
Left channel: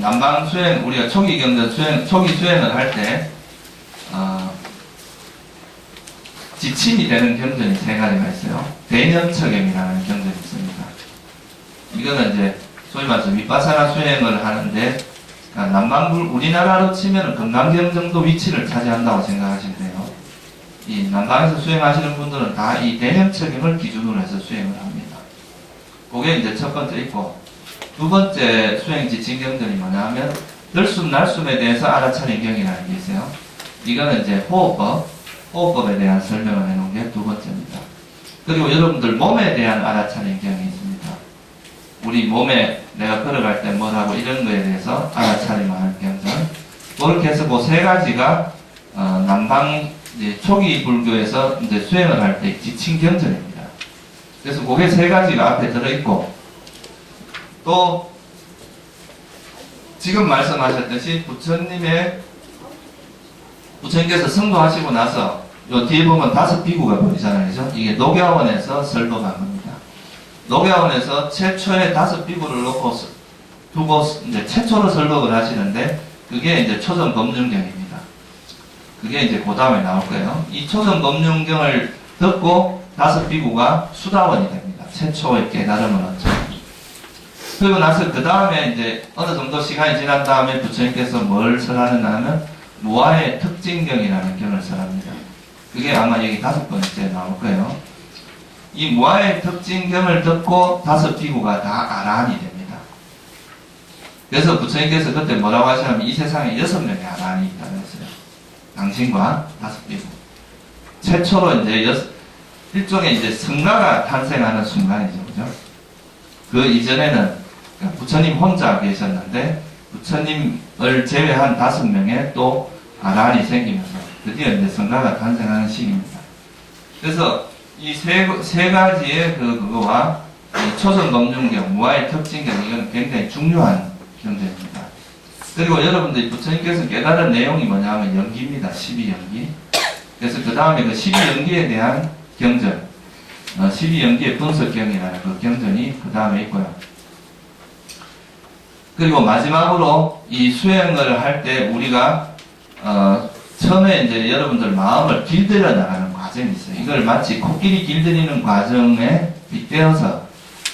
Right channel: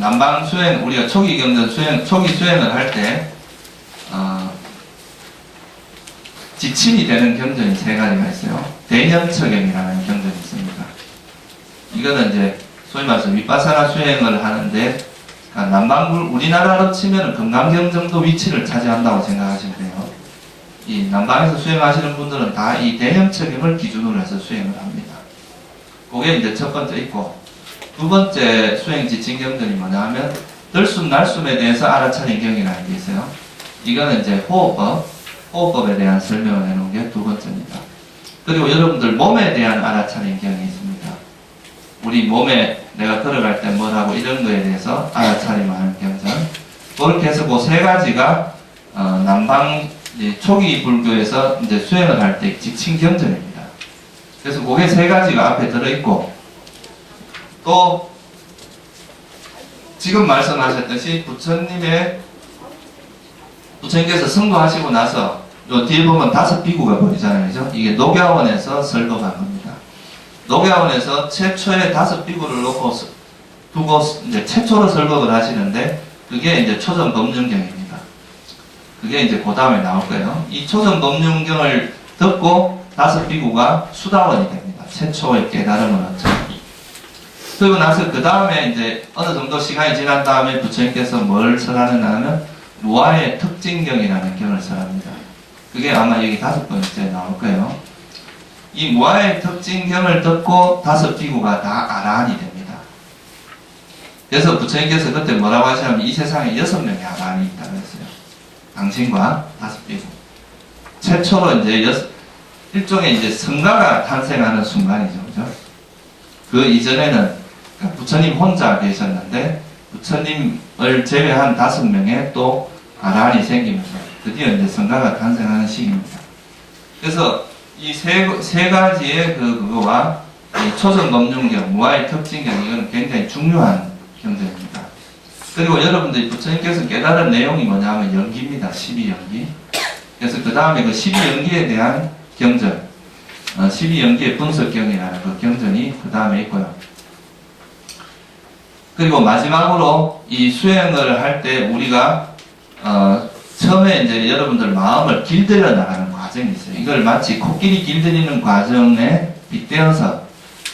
남방 수행 우리가 초기 경전 초기 수행을 할 때 지침이 되는 경전이 세 가지가 있어요. 대념처경이라는 경전이 있습니다. 이거는 이제 소위 말해서 위파사나 수행을 하는데 남방 우리나라로 치면 금강경 정도 위치를 차지한다고 생각하시면 돼요. 이 남방에서 수행하시는 분들은 다 이 대념처경을 기준으로 해서 수행을 합니다. 그게 이제 첫 번째 있고 두 번째 수행 지침 경전이 뭐냐 하면 들숨 날숨에 대해서 알아차린 경이라는 게 있어요. 이거는 이제 호흡법에 대한 설명을 해놓은 게 두 번째입니다. 그리고 여러분들 몸에 대한 알아차린 경이 있습니다. 우리 몸에 내가 걸어갈 때 뭘 하고 이런 거에 대해서 알아차림을 하는 경전. 그렇게 해서 그 세 가지가 남방 초기 불교에서 이제 수행을 할 때 지침 경전입니다. 그래서 그게 세 가지가 앞에 들어있고 또 지금 말씀하셨듯이 부처님께서 성도하시고 나서 요 뒤에 보면 5 비구가 보이잖아요. 그죠? 이게 녹야원에서 설법한 겁니다. 녹야원에서 최초의 5 비구를 두고 이제 최초로 설법을 하시는데 그게 이제 초전법륜경입니다. 그게 이제 그 다음에 나올 거예요. 이 초전법륜경을 듣고 5 비구가 수다원이 됩니다. 최초의 깨달음을 얻죠. 그리고 나서 그 다음에 이제 어느 정도 시간이 지난 다음에 부처님께서 뭘 설하느냐 하면 무아의 특징경이라는 경을 설합니다. 그게 아마 여기 5번째 나올 거예요. 이 무아의 특징경을 듣고 5 비구가 다 아라한이 됩니다. 그래서 부처님께서 그때 뭐라고 하시냐면 이 세상에 6명의 아라한이 있다고 했어요. 당신과 5 비구. 최초로 이제 일종의 이제 성가가 탄생하는 순간이죠. 그죠? 그 이전에는 그러니까 부처님 혼자 계셨는데 부처님을 제외한 5명의 또 아라한이 생기면서 드디어 이제 성가가 탄생하는 시기입니다. 그래서 이 세 가지의 그거와 이 초전검중경, 무아의 특징경 이건 굉장히 중요한 경전입니다. 그리고 여러분들이 부처님께서 깨달은 내용이 뭐냐 하면 연기입니다. 12연기. 그래서 그 다음에 그 12연기에 대한 경전, 12연기의 분석경이라는 그 경전이 그 다음에 있고요. 그리고 마지막으로 이 수행을 할 때 우리가 처음에 이제 여러분들 마음을 길들여 나가는 과정이 있어요. 이걸 마치 코끼리 길들이는 과정에 빗대어서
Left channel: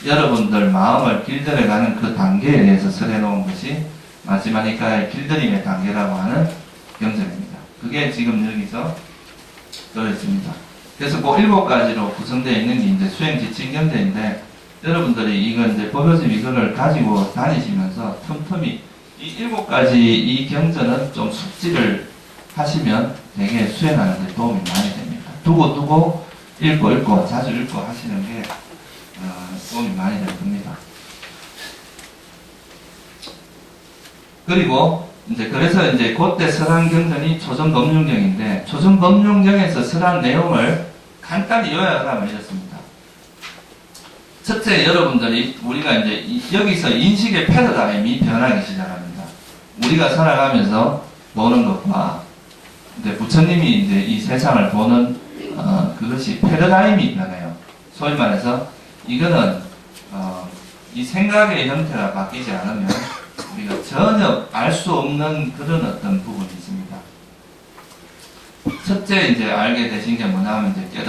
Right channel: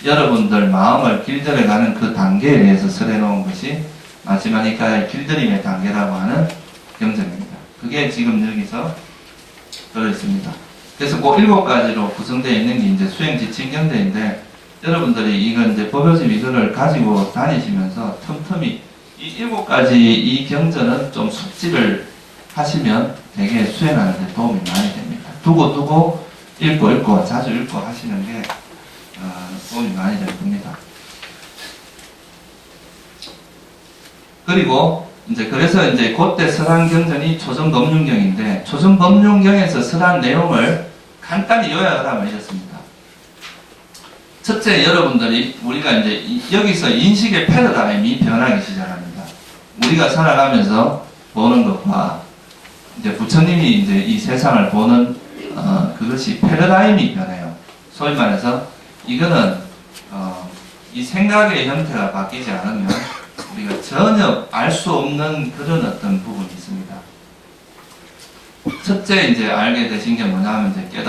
여러분들 마음을 길들여가는 그 단계에 대해서 설해 놓은 것이 마지막에 길들임의 단계라고 하는 경전입니다. 그게 지금 여기서 들어있습니다. 그래서 그 7가지로 구성되어 있는 게 이제 수행 지침 경전인데 여러분들이 이건 이제 법요집 이거를 가지고 다니시면서 틈틈이 이 7가지 이 경전은 좀 숙지를 하시면 되게 수행하는 데 도움이 많이 됩니다. 두고 읽고 자주 읽고 하시는 게 도움이 많이 될 겁니다. 그리고 이제 그래서 이제 그때 설한 경전이 초전검중경인데 초전검중경에서 설한 내용을 간단히 요약을 하면 이렇습니다. 첫째, 여러분들이 우리가 이제 여기서 인식의 패러다임이 변하기 시작합니다. 우리가 살아가면서 보는 것과 이제 부처님이 이제 이 세상을 보는 그것이 패러다임이 변해요. 소위 말해서 이거는 이 생각의 형태가 바뀌지 않으면 우리가 전혀 알 수 없는 그런 어떤 부분이 있습니다. 첫째 이제 알게 되신 게 뭐냐면 이제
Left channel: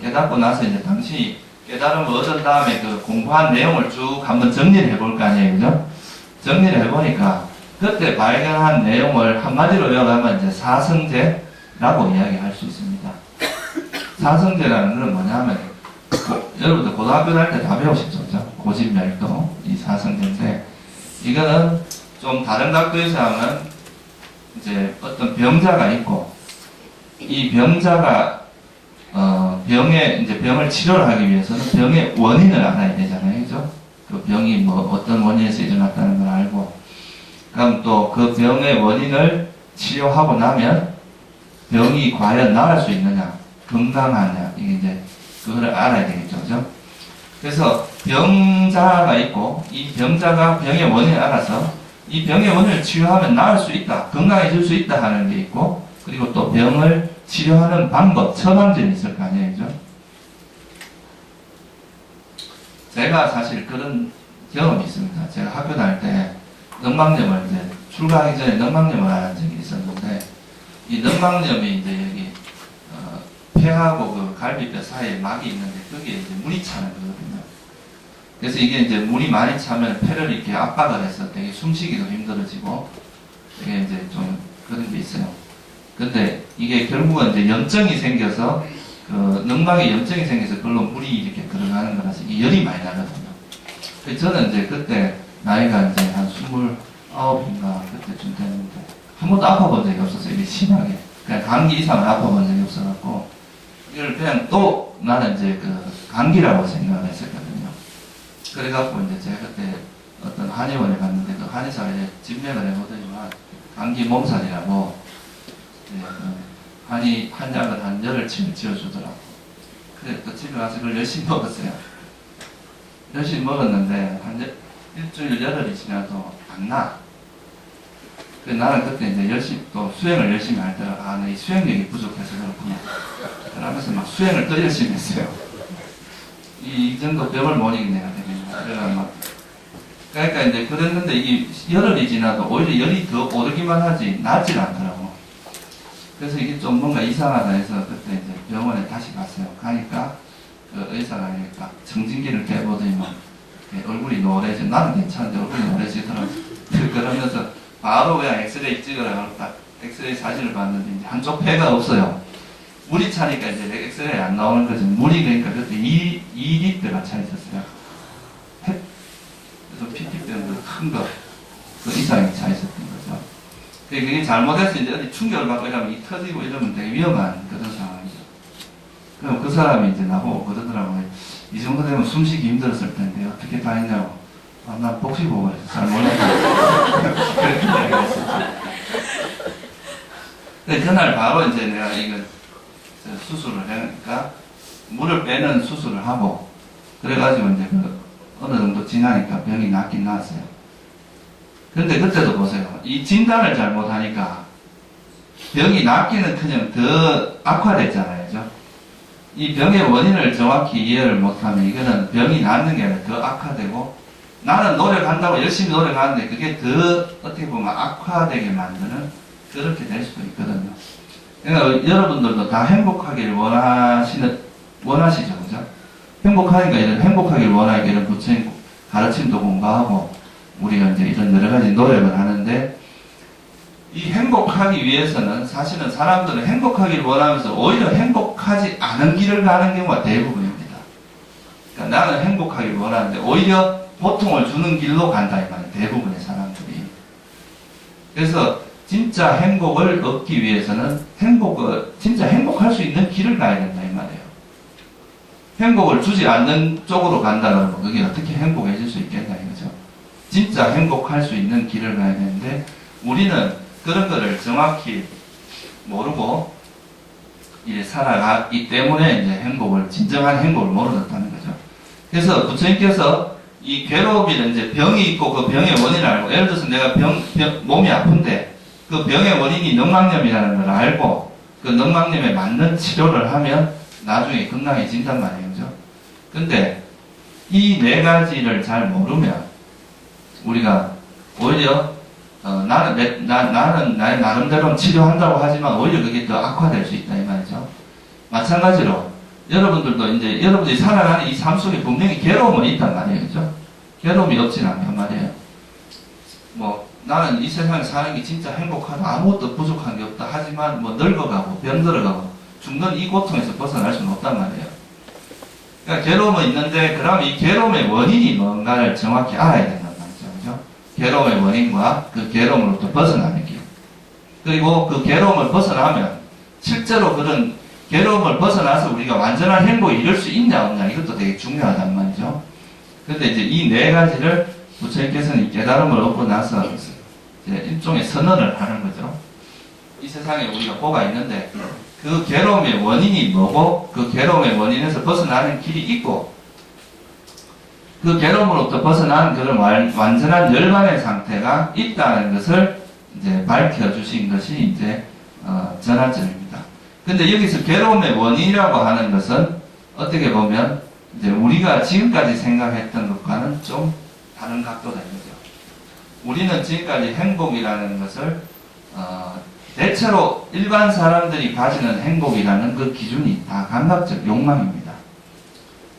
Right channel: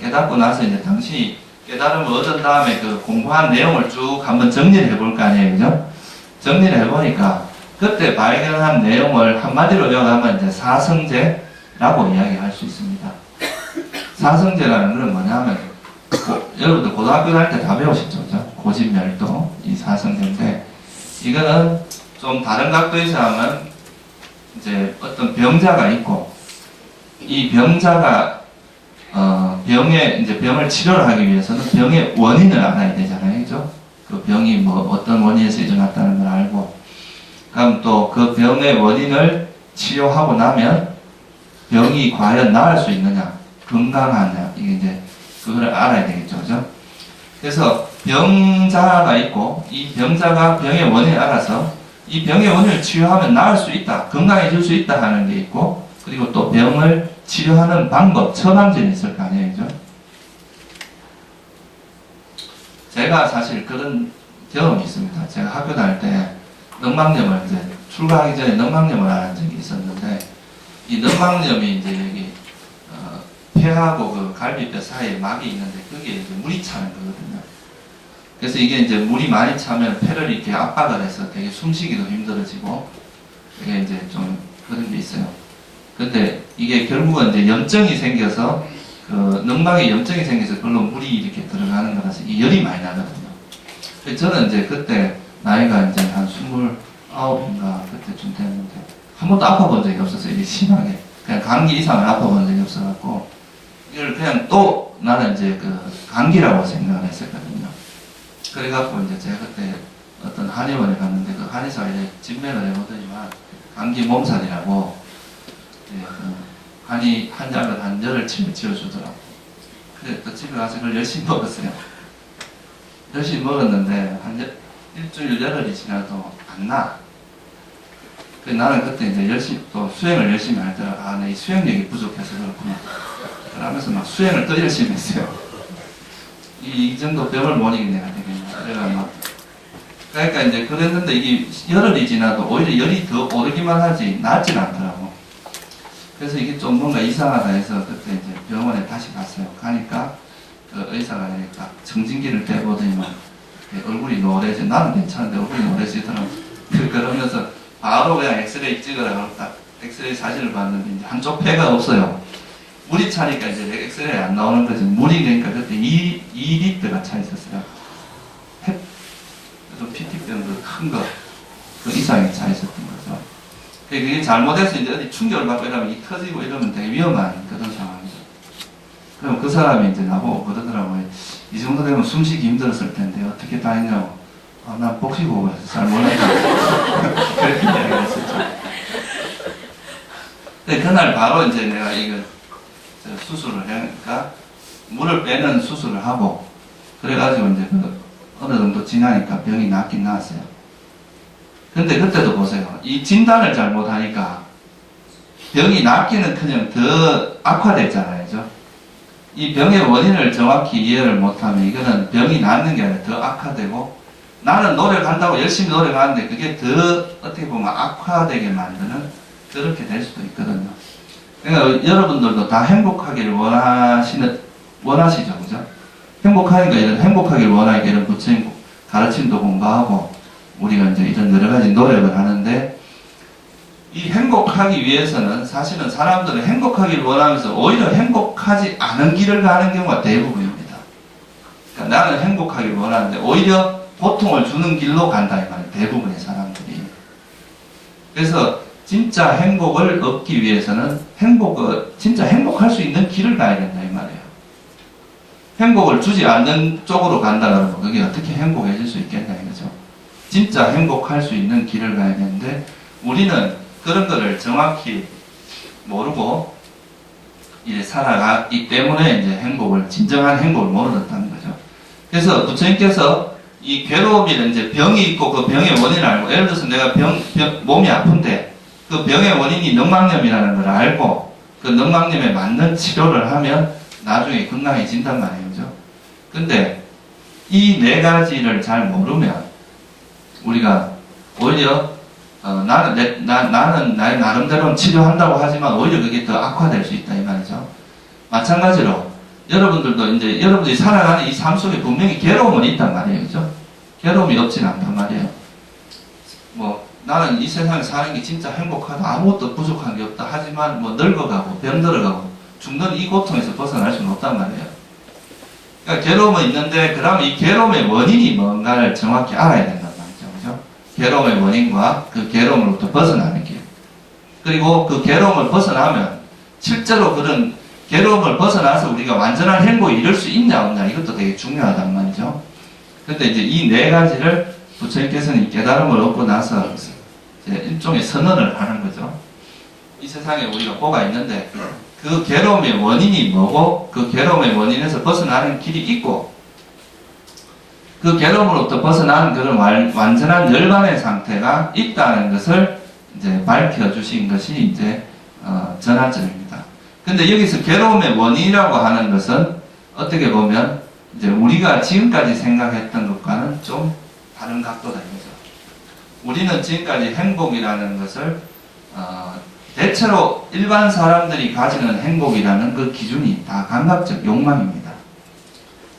깨닫고 나서 이제 당신이 깨달음을 얻은 다음에 그 공부한 내용을 쭉 한번 정리를 해볼 거 아니에요, 그죠? 정리를 해보니까 그때 발견한 내용을 한마디로 요약하면 이제 사성제라고 이야기할 수 있습니다. 사성제라는 건 뭐냐면 여러분들 고등학교 다닐 때 다 배우셨죠, 그죠? 고집멸도 이 사성제인데 이거는 좀 다른 각도에서 하면 이제 어떤 병자가 있고 이 병자가 병을 치료를 하기 위해서는 병의 원인을 알아야 되잖아요, 그죠? 그 병이 뭐 어떤 원인에서 일어났다는 걸 알고, 그럼 또 그 병의 원인을 치료하고 나면 병이 과연 나을 수 있느냐, 건강하냐, 이게 이제 그거를 알아야 되겠죠, 그죠? 그래서 병자가 있고 이 병자가 병의 원인을 알아서 이 병의 원인을 치료하면 나을 수 있다, 건강해질 수 있다 하는 게 있고, 그리고 또 병을 치료하는 방법, 처방전이 있을 거 아니에요, 그죠? 제가 사실 그런 경험이 있습니다. 제가 학교 다닐 때 넉망염을 이제 출가하기 전에 넉망염을 앓은 적이 있었는데 이 넉망염이 이제 여기 폐하고 그 갈비뼈 사이에 막이 있는데 거기에 이제 물이 차는 거거든요. 그래서 이게 이제 물이 많이 차면 폐를 이렇게 압박을 해서 되게 숨쉬기도 힘들어지고 이게 이제 좀 그런 게 있어요. 근데 이게 결국은 이제 염증이 생겨서 그 넉막에 염증이 생겨서 그걸로 물이 이렇게 들어가는 거라서 이 열이 많이 나거든요. 그래서 저는 이제 그때 나이가 이제 한 29인가 그때쯤 됐는데 한 번도 아파본 적이 없었어요. 이게 심하게 그냥 감기 이상을 아파본 적이 없어갖고 이걸 그냥 또 나는 이제 그 감기라고 생각을 했었거든요. 그래갖고 이제 제가 그때 어떤 한의원에 갔는데 그 한의사에 진맥을 해보더니만 감기 몸살이라고 한의 한약을 한 열흘 지어주더라고. 그래 또 집에 가서 그걸 열심히 먹었어요. 열심히 먹었는데 한 일주일 열흘이 지나도 안 나. 그 나는 그때 이제 열심히 또 수행을 열심히 할 때 내 이 수행력이 부족해서 그렇구나. 그러면서 막 수행을 더 열심히 했어요. 이 정도 병을 못 이긴 내가 되겠냐. 그러니까 이제 그랬는데 이게 열흘이 지나도 오히려 열이 더 오르기만 하지 낫질 않더라고. 그래서 이게 좀 뭔가 이상하다 해서 그때 이제 병원에 다시 갔어요. 가니까 그 의사가 딱 청진기를 대보더니만 얼굴이 노래지. 나는 괜찮은데 얼굴이 노래지더라고. 그러면서 바로 그냥 엑스레이 찍으라고 딱 엑스레이 사진을 봤는데 이제 한쪽 폐가 없어요. 물이 차니까 이제 엑스레이 안 나오는 거지. 물이 그러니까 그때 2리터가 차 있었어요. 그래서 PT병도 큰 거, 그 이상이 차 있었던 거죠. 그게 잘못해서 이제 어디 충격을 받고 이러면 이 터지고 이러면 되게 위험한 그런 상황이죠. 그럼 그 사람이 이제 나보고 그러더라고요. 이 정도 되면 숨쉬기 힘들었을 텐데 어떻게 다 했냐고. 아, 난 복식호흡을 해서 잘 몰랐다. 그렇게 이야기를 했었죠. 근데 그날 바로 이제 내가 이거 수술을 하니까 물을 빼는 수술을 하고 그래가지고 이제 그 어느 정도 지나니까 병이 낫긴 나았어요. 근데 그때도 보세요. 이 진단을 잘못하니까 병이 낫기는커녕 더 악화됐잖아요. 그죠? 이 병의 원인을 정확히 이해를 못하면 이거는 병이 낫는 게 아니라 더 악화되고 나는 노력한다고 열심히 노력하는데 그게 더 어떻게 보면 악화되게 만드는 그렇게 될 수도 있거든요. 그러니까 여러분들도 다 행복하기를 원하시죠. 그죠? 행복하니까 이런 행복하기를 원하니까 이런 부처님 가르침도 공부하고 우리가 이제 이런 여러 가지 노력을 하는데 이 행복하기 위해서는 사실은 사람들은 행복하기를 원하면서 오히려 행복하지 않은 길을 가는 경우가 대부분입니다. 그러니까 나는 행복하기를 원하는데 오히려 고통을 주는 길로 간다 이 말이에요. 대부분의 사람들이. 그래서 진짜 행복을 얻기 위해서는 진짜 행복할 수 있는 길을 가야 된다 이 말이에요. 행복을 주지 않는 쪽으로 간다 그러면 그게 어떻게 행복해질 수 있겠냐 이거죠. 진짜 행복할 수 있는 길을 가야 되는데 우리는 그런 거를 정확히 모르고 이제 살아가기 때문에 이제 진정한 행복을 못 얻었다는 거죠. 그래서 부처님께서 이 괴로움이는 이제 병이 있고 그 병의 원인을 알고 예를 들어서 내가 몸이 아픈데 그 병의 원인이 늑막염이라는 걸 알고 그 늑막염에 맞는 치료를 하면 나중에 건강해진단 말이에요. 그죠? 근데 이 네 가지를 잘 모르면 우리가 오히려 나는 나의 나름대로 치료한다고 하지만 오히려 그게 더 악화될 수 있다 이 말이죠. 마찬가지로 여러분들도 이제 여러분들이 살아가는 이 삶 속에 분명히 괴로움은 있단 말이에요. 그죠? 괴로움이 없진 않단 말이에요. 뭐 나는 이 세상에 사는 게 진짜 행복하다. 아무것도 부족한 게 없다. 하지만 뭐 늙어가고 병들어가고 죽는 이 고통에서 벗어날 수는 없단 말이에요. 그러니까 괴로움은 있는데 그러면 이 괴로움의 원인이 뭔가를 정확히 알아야 된단 말이죠. 그죠? 괴로움의 원인과 그 괴로움으로부터 벗어나는 길. 그리고 그 괴로움을 벗어나면 실제로 그런 괴로움을 벗어나서 우리가 완전한 행복에 이룰 수 있냐 없냐 이것도 되게 중요하단 말이죠. 그런데 이제 이 네 가지를 부처님께서는 이 깨달음을 얻고 나서 이제 일종의 선언을 하는 거죠. 이 세상에 우리가 뭐가 있는데 그 괴로움의 원인이 뭐고 그 괴로움의 원인에서 벗어나는 길이 있고 그 괴로움으로부터 벗어나는 그런 완전한 열반의 상태가 있다는 것을 이제 밝혀주신 것이 이제 전하점입니다. 근데 여기서 괴로움의 원인이라고 하는 것은 어떻게 보면 이제 우리가 지금까지 생각했던 것과는 좀 다른 각도다 이거죠. 우리는 지금까지 행복이라는 것을 대체로 일반 사람들이 가지는 행복이라는 그 기준이 다 감각적 욕망입니다.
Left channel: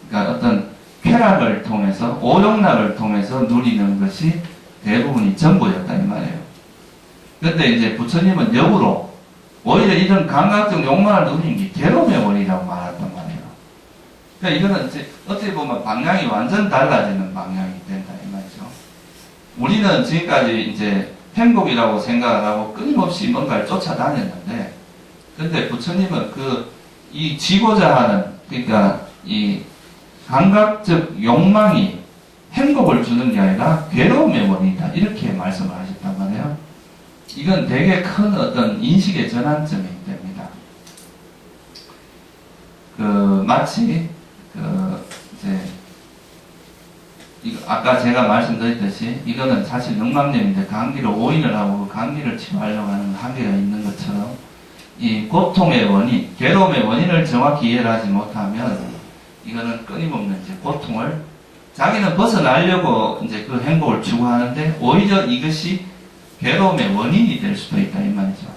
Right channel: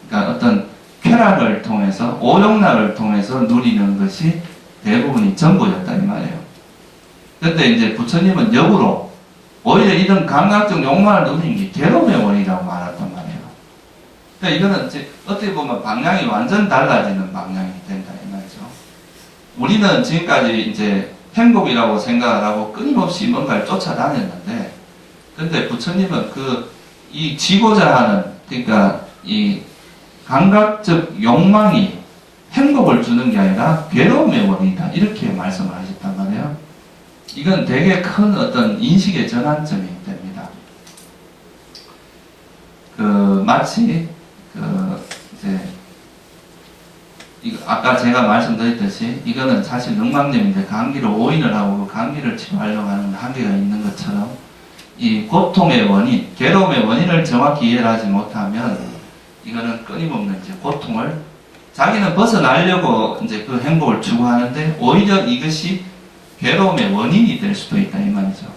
그러니까 어떤 쾌락을 통해서 오욕락을 통해서 누리는 것이 대부분이 전부였다 이 말이에요. 그런데 이제 부처님은 역으로 오히려 이런 감각적 욕망을 누리는 게 괴로움의 원이라고 말했단 말이에요. 그러니까 이거는 이제 어떻게 보면 방향이 완전 달라지는 방향이 된다 이 말이죠. 우리는 지금까지 이제 행복이라고 생각을 하고 끊임없이 뭔가를 쫓아다녔는데, 근데 부처님은 이 지고자 하는, 그러니까 이 감각적 욕망이 행복을 주는 게 아니라 괴로움의 원이다. 이렇게 말씀을 하셨단 말이에요. 이건 되게 큰 어떤 인식의 전환점이 됩니다. 마치, 이제, 아까 제가 말씀드렸듯이 이거는 사실 늑막염인데 감기를 오인을 하고 그 감기를 치료하려고 하는 한계가 있는 것처럼 이 고통의 원인, 괴로움의 원인을 정확히 이해를 하지 못하면 이거는 끊임없는 이제 고통을 자기는 벗어나려고 이제 그 행복을 추구하는데 오히려 이것이 괴로움의 원인이 될 수도 있다 이 말이죠.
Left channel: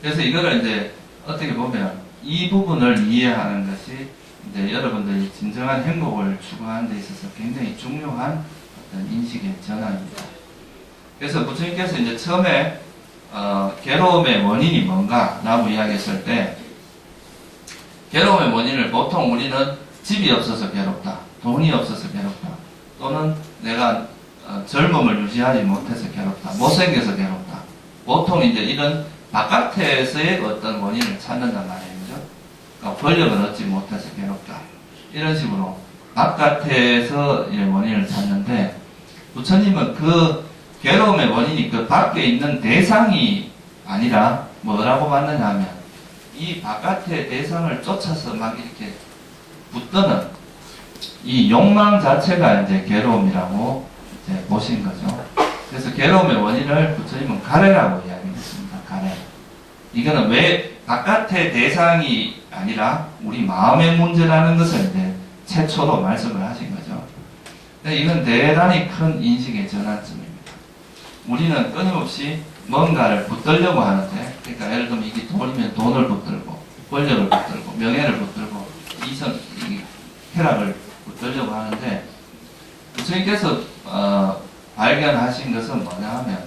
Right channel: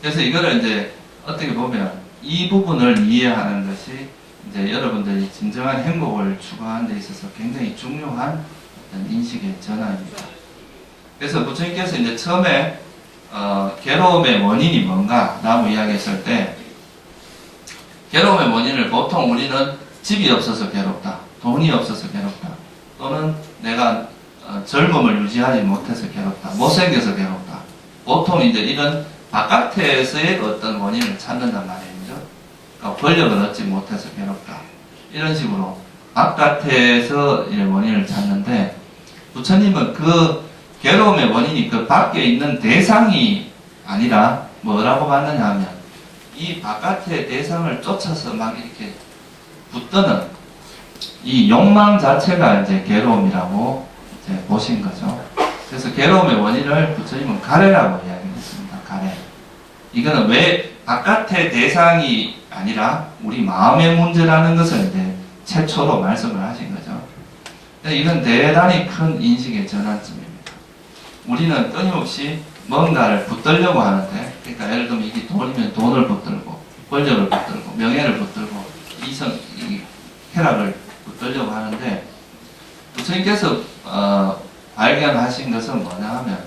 그래서 이거를 이제 어떻게 보면 이 부분을 이해하는 것이 이제 여러분들이 진정한 행복을 추구하는 데 있어서 굉장히 중요한 어떤 인식의 전환입니다. 그래서 부처님께서 이제 처음에 괴로움의 원인이 뭔가라고 이야기했을 때, 괴로움의 원인을 보통 우리는 집이 없어서 괴롭다, 돈이 없어서 괴롭다, 또는 내가 젊음을 유지하지 못해서 괴롭다, 못생겨서 괴롭다. 보통 이제 이런 바깥에서의 어떤 원인을 찾는단 말이죠. 그러니까 권력을 얻지 못해서 괴롭다. 이런 식으로 바깥에서 원인을 찾는데, 부처님은 그 괴로움의 원인이 그 밖에 있는 대상이 아니라 뭐라고 봤느냐 하면, 이 바깥의 대상을 쫓아서 막 이렇게 붙드는 이 욕망 자체가 이제 괴로움이라고 이제 보신 거죠. 그래서 괴로움의 원인을 부처님은 가래라고 이야기했습니다. 가래. 이거는 왜 바깥의 대상이 아니라 우리 마음의 문제라는 것을 이제 최초로 말씀을 하신 거죠. 이건 대단히 큰 인식의 전환점입니다. 우리는 끊임없이 뭔가를 붙들려고 하는데, 그러니까 예를 들면 이게 돈이면 돈을 붙들고, 권력을 붙들고, 명예를 붙들고, 쾌락을 붙들려고 하는데, 부처님께서 발견하신 것은 뭐냐 하면,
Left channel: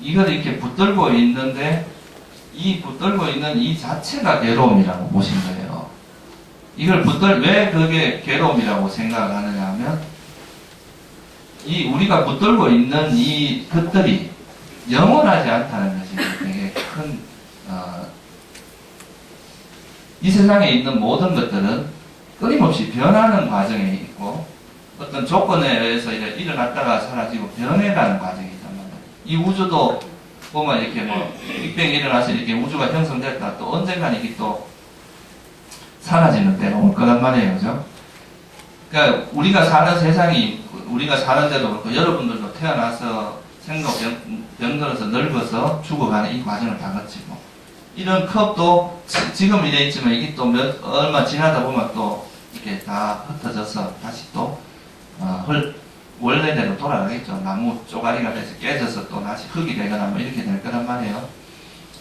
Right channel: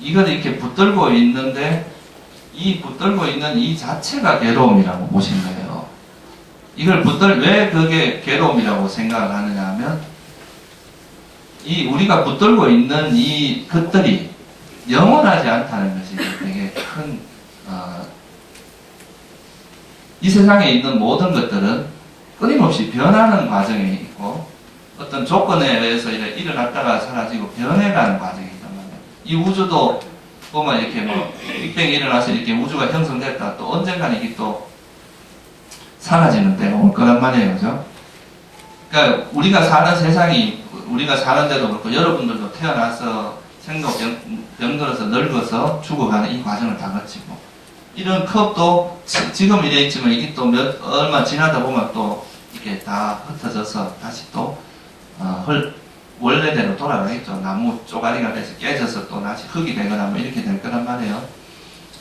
이걸 이렇게 붙들고 있는데, 이 붙들고 있는 이 자체가 괴로움이라고 보신 거예요. 이걸 왜 그게 괴로움이라고 생각을 하느냐 하면, 우리가 붙들고 있는 이 것들이 영원하지 않다는 것이 되게 큰, 이 세상에 있는 모든 것들은 끊임없이 변하는 과정에 있고, 어떤 조건에 의해서 일어났다가 사라지고 변해가는 과정이 있단 말이에요. 이 우주도 보면 이렇게 빅뱅이 일어나서 이렇게 우주가 형성됐다, 또 언젠가는 이게 또 사라지는 때가 올 거란 말이에요. 그죠? 그러니까 우리가 사는 세상이, 우리가 사는 데도 그렇고, 여러분들도 태어나서 생각 병들어서 늙어서 죽어가는 이 과정을 다 거치고, 이런 컵도 지금 이래 있지만 이게 또 얼마 지나다 보면 또 이렇게 다 흩어져서 다시 또 원래대로 돌아가겠죠. 나무 쪼가리가 돼서 깨져서 또 다시 흙이 되거나 뭐 이렇게 될 거란 말이에요.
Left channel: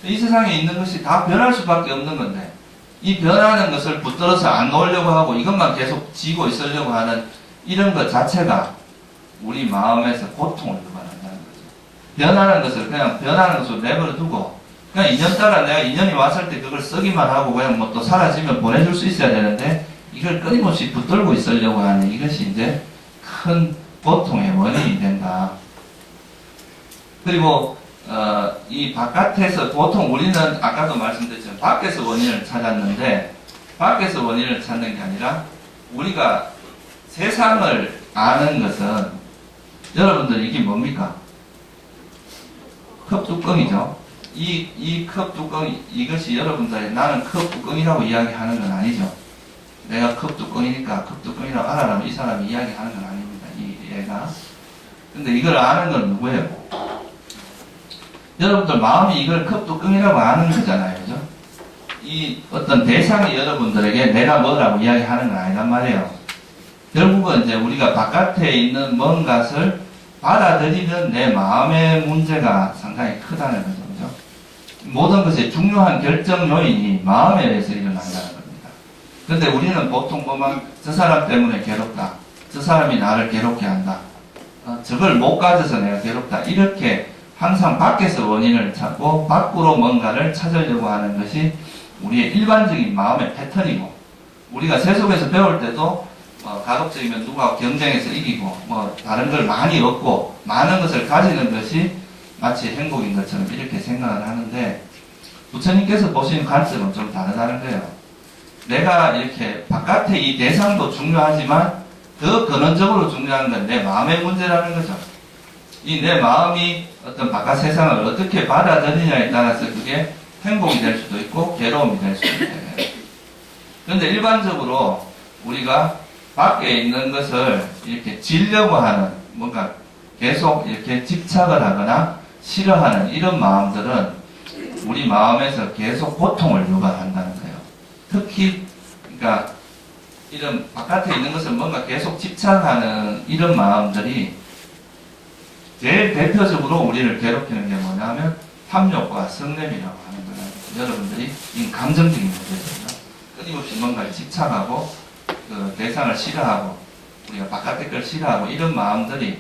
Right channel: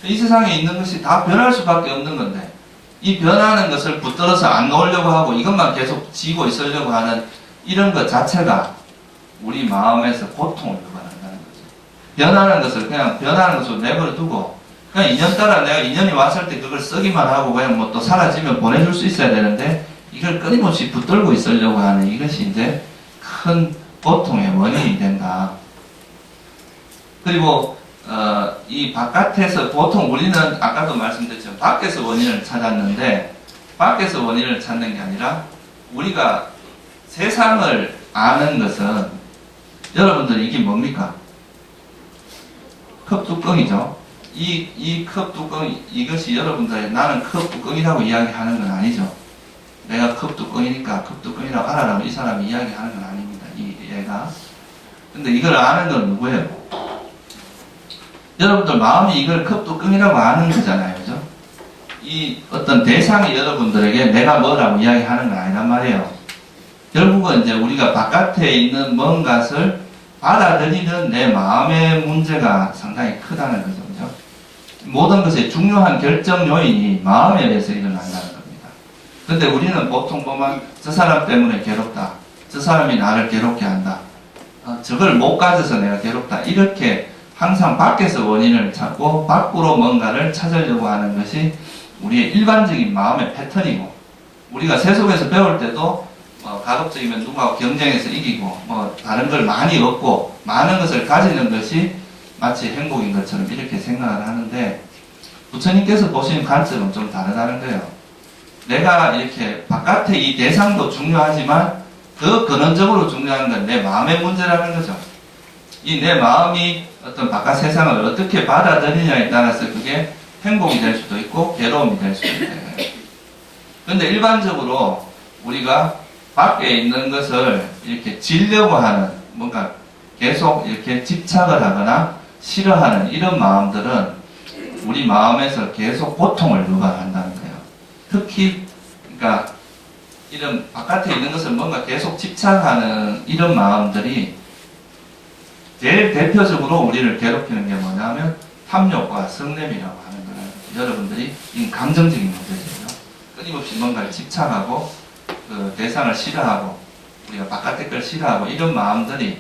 이 세상에 있는 것이 다 변할 수밖에 없는 건데, 이 변하는 것을 붙들어서 안 놓으려고 하고 이것만 계속 지고 있으려고 하는 이런 것 자체가 우리 마음에서 고통을 유발한다는 거죠. 변하는 것을 그냥 변하는 것으로 내버려 두고, 그냥 인연 따라 내가 인연이 왔을 때 그걸 쓰기만 하고 그냥 뭐 또 사라지면 보내줄 수 있어야 되는데, 이걸 끊임없이 붙들고 있으려고 하는 이것이 이제 큰 고통의 원인이 된다. 그리고 이 바깥에서 보통 우리는 아까도 말씀드렸지만 밖에서 원인을 찾았는데, 밖에서 원인을 찾는 게 아니라 우리가 세상을 아는 것은, 여러분들 이게 뭡니까? 컵 뚜껑이죠. 이 컵 뚜껑, 이것이 여러분들이 나는 컵 뚜껑이라고 이야기하는 건 아니죠. 내가 컵 뚜껑이니까 컵 뚜껑이라고 알아라고 이 사람이 이야기하는 건 아닙니다. 얘가. 근데 이걸 아는 건 누구예요? 여러분들 마음이 이걸 컵 뚜껑이라고 아는 거잖아요. 그죠? 이 어떤 대상이 여러분들에게 내가 뭐라고 이야기하는 건 아니란 말이에요. 결국은 이제 우리가 바깥에 있는 뭔가를 받아들이는 내 마음의 문제가 상당히 크다는 거죠. 그죠? 모든 것의 중요한 결정 요인이 마음에 의해서 일어난다는 겁니다. 근데 우리는 보통 보면 저 사람 때문에 괴롭다, 저 사람이 나를 괴롭게 한다, 저걸 못 가져서 내가 괴롭다, 이렇게 항상 밖에서 원인을 찾고 밖으로 뭔가를 찾으려고 하는 것이 우리의 일반적인 마음의 패턴이고, 우리가 세속에서 배울 때도 가급적이면 누구하고 경쟁해서 이기고 다른 걸 많이 얻고 많은 것을 가지는 것이 마치 행복인 것처럼 이렇게 생각을 하는데, 부처님께서 보시는 관점은 좀 다르다는 거예요. 내가 이렇게 바깥의 이 대상도 중요하지만 더 근원적으로 중요한 건 내 마음의 문제라는 거죠. 이 내 마음이 어떤 바깥 세상을 어떻게 받아들이냐에 따라서 그게 행복이 될 수도 있고 괴로움이 될 수도 있어요. 그런데 일반적으로 우리가 밖에 있는 것을 이렇게 지려고 하는, 뭔가 계속 이렇게 집착을 하거나 싫어하는 이런 마음들은 우리 마음에서 계속 고통을 유발한다는 거예요. 특히 그러니까 이런 바깥에 있는 것을 뭔가 계속 집착하는 이런 마음들이 제일 대표적으로 우리를 괴롭히는 게 뭐냐면 탐욕과 성냄이라고 하는 거예요. 여러분들이 이 감정적인 문제죠. 끊임없이 뭔가를 집착하고 그 대상을 싫어하고 우리가 바깥의 걸 싫어하고 이런 마음들이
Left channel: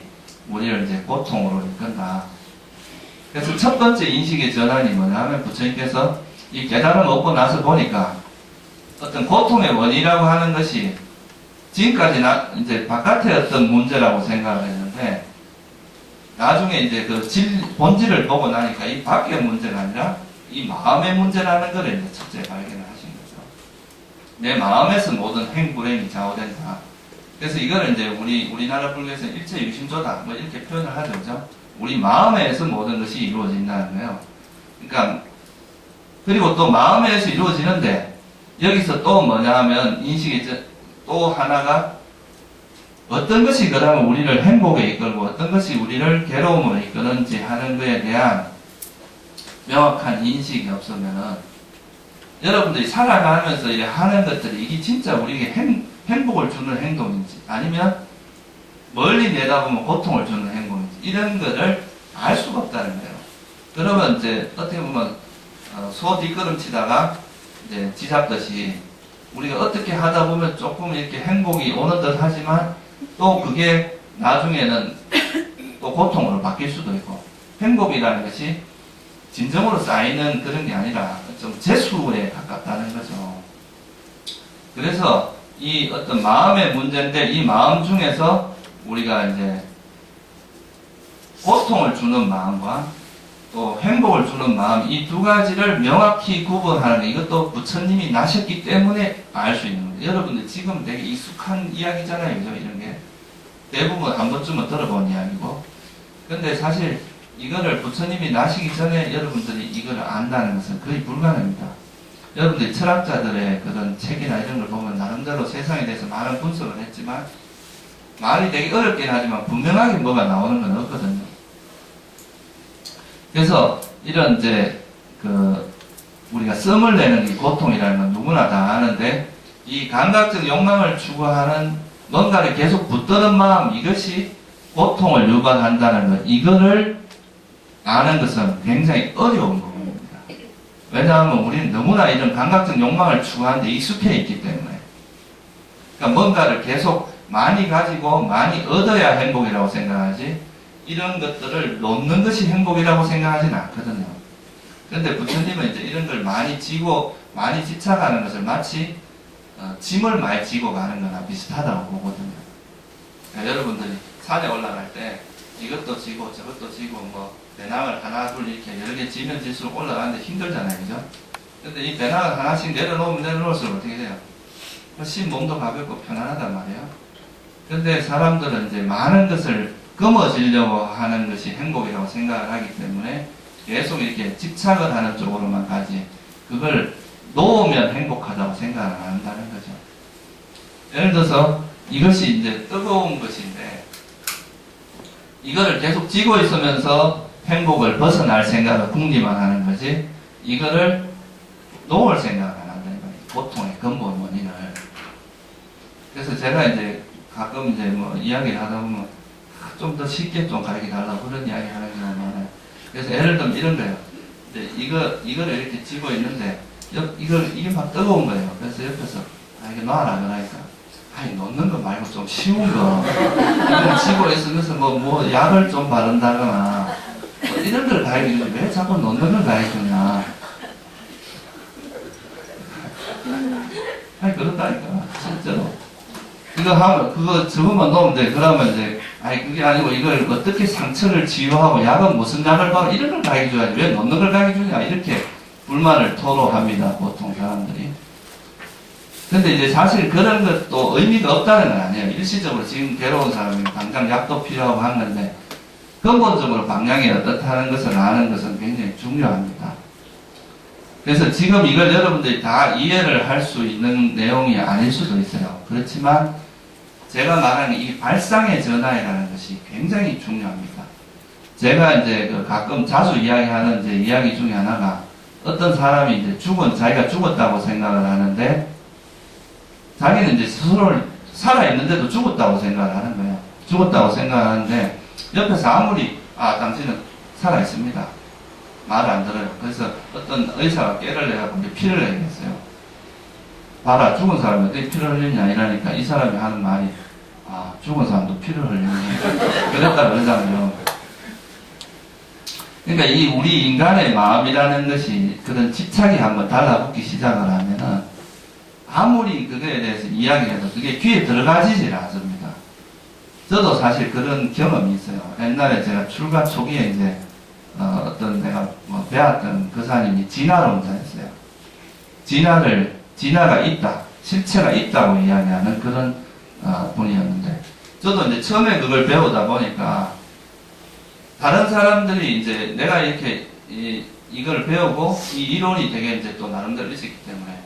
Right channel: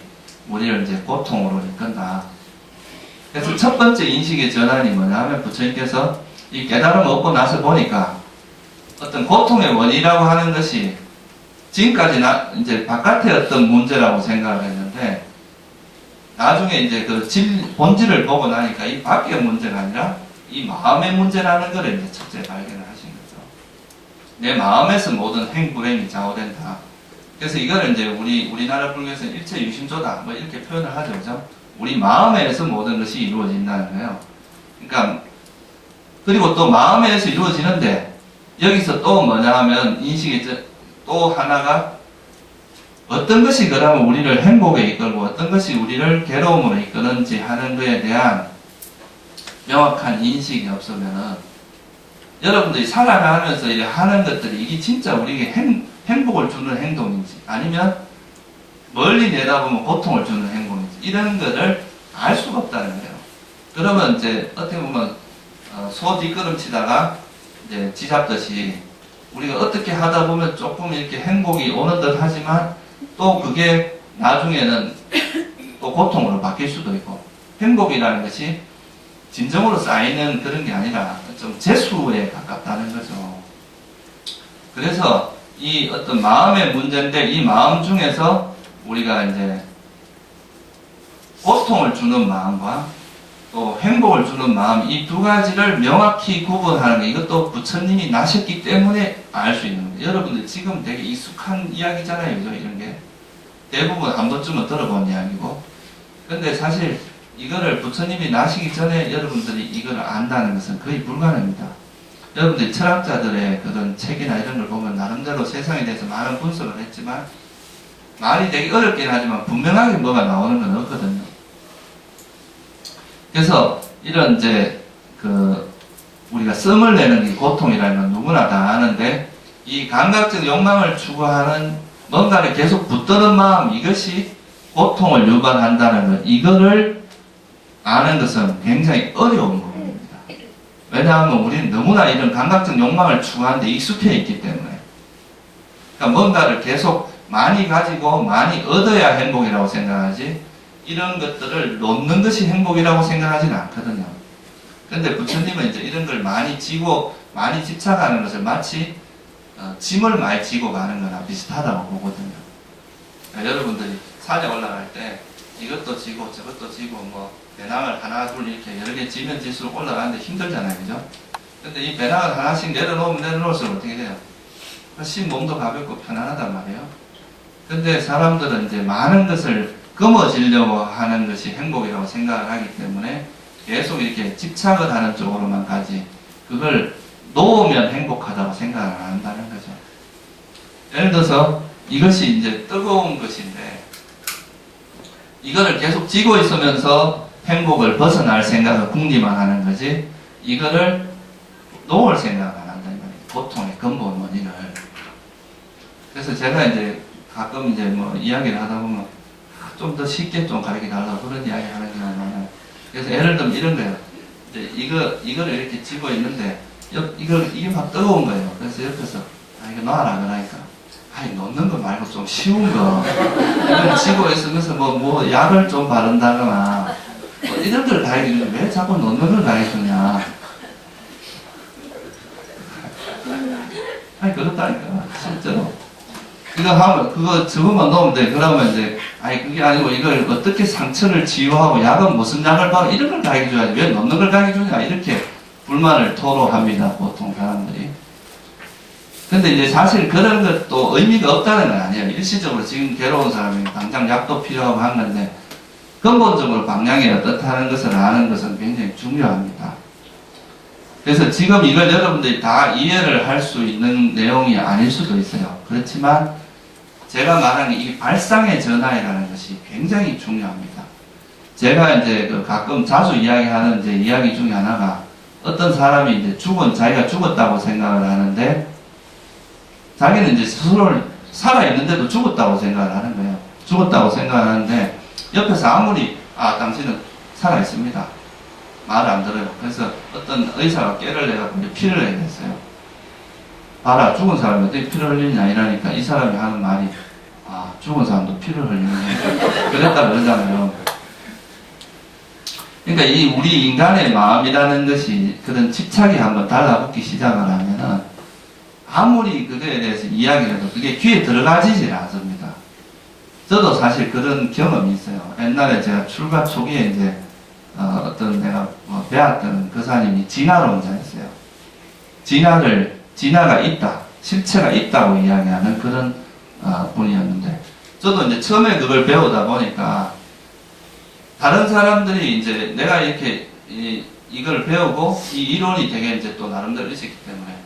우리를 이제 고통으로 이끈다. 그래서 첫 번째 인식의 전환이 뭐냐면 부처님께서 이 깨달음을 얻고 나서 보니까 어떤 고통의 원인이라고 하는 것이 지금까지 이제 바깥의 어떤 문제라고 생각을 했는데 나중에 이제 그 본질을 보고 나니까 이 밖의 문제가 아니라 이 마음의 문제라는 걸 이제 첫째 발견을 하신 거죠. 내 마음에서 모든 행불행이 좌우된다. 그래서 이거를 이제 우리나라 불교에서는 일체 유심조다 뭐 이렇게 표현을 하죠, 그죠? 우리 마음에서 모든 것이 이루어진다는 거예요. 그러니까 그리고 또 마음에서 이루어지는데 여기서 또 뭐냐 하면 인식이 또 하나가 어떤 것이 그러면 우리를 행복에 이끌고 어떤 것이 우리를 괴로움으로 이끄는지 하는 것에 대한 명확한 인식이 없으면은 여러분들이 살아가면서 이렇게 하는 것들이 이게 진짜 우리에게 행복을 주는 행동인지 아니면 멀리 내다보면 고통을 주는 행동인지 이런 것을 알 수가 없다는 거예요. 그러면 이제 어떻게 보면 소 뒷걸음치다가 이제 쥐잡듯이 우리가 어떻게 하다 보면 조금 이렇게 행복이 오는 듯 하지만 또 그게 나중에는 또 고통으로 바뀔 수도 있고 행복이라는 것이 진정으로 쌓이는 그런 게 아니라 좀 재수에 가깝다는 거죠. 그래서 이 어떤 마음의 문제인데 이 마음 중에서 우리가 이제 고통을 주는 마음과 또 행복을 주는 마음 이 두 가지를 명확히 구분하는 거 이것도 부처님이 나셨기 때문에 알 수 있는 거예요. 여러분들 지금 되게 익숙한 이야기잖아요. 그죠? 이런 게 대부분 한 번쯤은 들어본 이야기고 근데 사실 이거를 부처님이 나시기 전에 여러분들이 이걸 안다는 것은 거의 불가능합니다. 여러분들이 철학자들의 그런 책이나 이런 걸 보면 나름대로 세상에 대해서 많은 분석을 했지만 말이 되게 어렵긴 하지만 분명하게 뭐가 나오는 건 없거든요. 그래서 이런 이제 우리가 씀을 내는 이 고통이라는 건 누구나 다 아는데 이 감각적 욕망을 추구하는 뭔가를 계속 붙드는 마음 이것이 고통을 유발한다는 것 이거를 아는 것은 굉장히 어려운 부분입니다. 왜냐하면 우리는 너무나 이런 감각적 욕망을 추구하는데 익숙해 있기 때문에 그러니까 뭔가를 계속 많이 가지고 많이 얻어야 행복이라고 생각하지 이런 것들을 놓는 것이 행복이라고 생각하지는 않거든요. 그런데 부처님은 이제 이런 걸 많이 지고 많이 집착하는 것을 마치 짐을 많이 지고 가는 거나 비슷하다고 보거든요. 그러니까 여러분들이 산에 올라갈 때 이것도 지고 저것도 지고 뭐 배낭을 하나 둘 이렇게 여러 개 지면 질수록 올라가는데 힘들잖아요, 그죠? 근데 이 배낭을 하나씩 내려놓으면 내려놓을수록 어떻게 돼요? 훨씬 몸도 가볍고 편안하단 말이에요. 근데 사람들은 이제 많은 것을 거머쥐려고 하는 것이 행복이라고 생각을 하기 때문에 계속 이렇게 집착을 하는 쪽으로만 가지 그걸 놓으면 행복하다고 생각을 안 한다는 거죠. 예를 들어서 이것이 이제 뜨거운 것인데 이거를 계속 쥐고 있으면서 행복을 벗어날 생각을 궁리만 하는 거지 이거를 놓을 생각을 안 한다는 거예요. 고통의 근본 원인을. 그래서 제가 이제 가끔 이제 뭐 이야기를 하다 보면 좀 더 쉽게 좀 가르쳐 달라고 그런 이야기 하는 경우가 많아요. 그래서 예를 들면 이런 거예요. 이제 이거를 이렇게 쥐고 있는데 이게 막 뜨거운 거예요. 그래서 옆에서 이거 놔라 그러니까 놓는 거 말고 좀 쉬운 거 이걸 쥐고 있으면서 뭐 약을 좀 바른다거나 뭐 이런 걸 가르쳐주지 왜 자꾸 놓는 걸 가르쳐주냐. 그렇다니까 실제로 그거 저것만 놓으면 돼. 그러면 이제 그게 아니고 이걸 어떻게 상처를 치유하고 약은 무슨 약을 바르 이런 걸 가르쳐줘야지 왜 놓는 걸 가르쳐주냐 이렇게 불만을 토로합니다. 보통 사람들이. 근데 이제 사실 그런 것도 의미가 없다는 건 아니에요. 일시적으로 지금 괴로운 사람이 당장 약도 필요하고 하는데 근본적으로 방향이 어떻다는 것을 아는 것은 굉장히 중요합니다. 그래서 지금 이걸 여러분들이 다 이해를 할 수 있는 내용이 아닐 수도 있어요. 그렇지만 제가 말하는 이 발상의 전환이라는 것이 굉장히 중요합니다. 제가 이제 가끔 자주 이야기하는 이제 이야기 중에 하나가 어떤 사람이 이제 자기가 죽었다고 생각을 하는데 자기는 이제 스스로를 살아있는데도 죽었다고 생각을 하는 거예요. 죽었다고 생각을 하는데 옆에서 아무리 당신은 살아있습니다. 말을 안 들어요. 그래서 어떤 의사가 깨를 내갖고 이제 피를 내겠어요. 봐라, 죽은 사람이 어떻게 피를 흘리냐 이러니까 이 사람이 하는 말이, 아, 죽은 사람도 피를 흘리네. 그랬다 그러잖아요. 그러니까 이 우리 인간의 마음이라는 것이 그런 집착이 한번 달라붙기 시작을 하면은 아무리 그거에 대해서 이야기해도 그게 귀에 들어가지질 않습니다. 저도 사실 그런 경험이 있어요. 옛날에 제가 출가 초기에 이제 어떤 내가 뭐 배웠던 교사님이 진화론자였어요. 진화가 있다, 실체가 있다고 이야기하는 그런 분이었는데, 저도 이제 처음에 그걸 배우다 보니까 다른 사람들이 이제 내가 이렇게 이걸 배우고 이 이론이 되게 이제 또 나름대로 있었기 때문에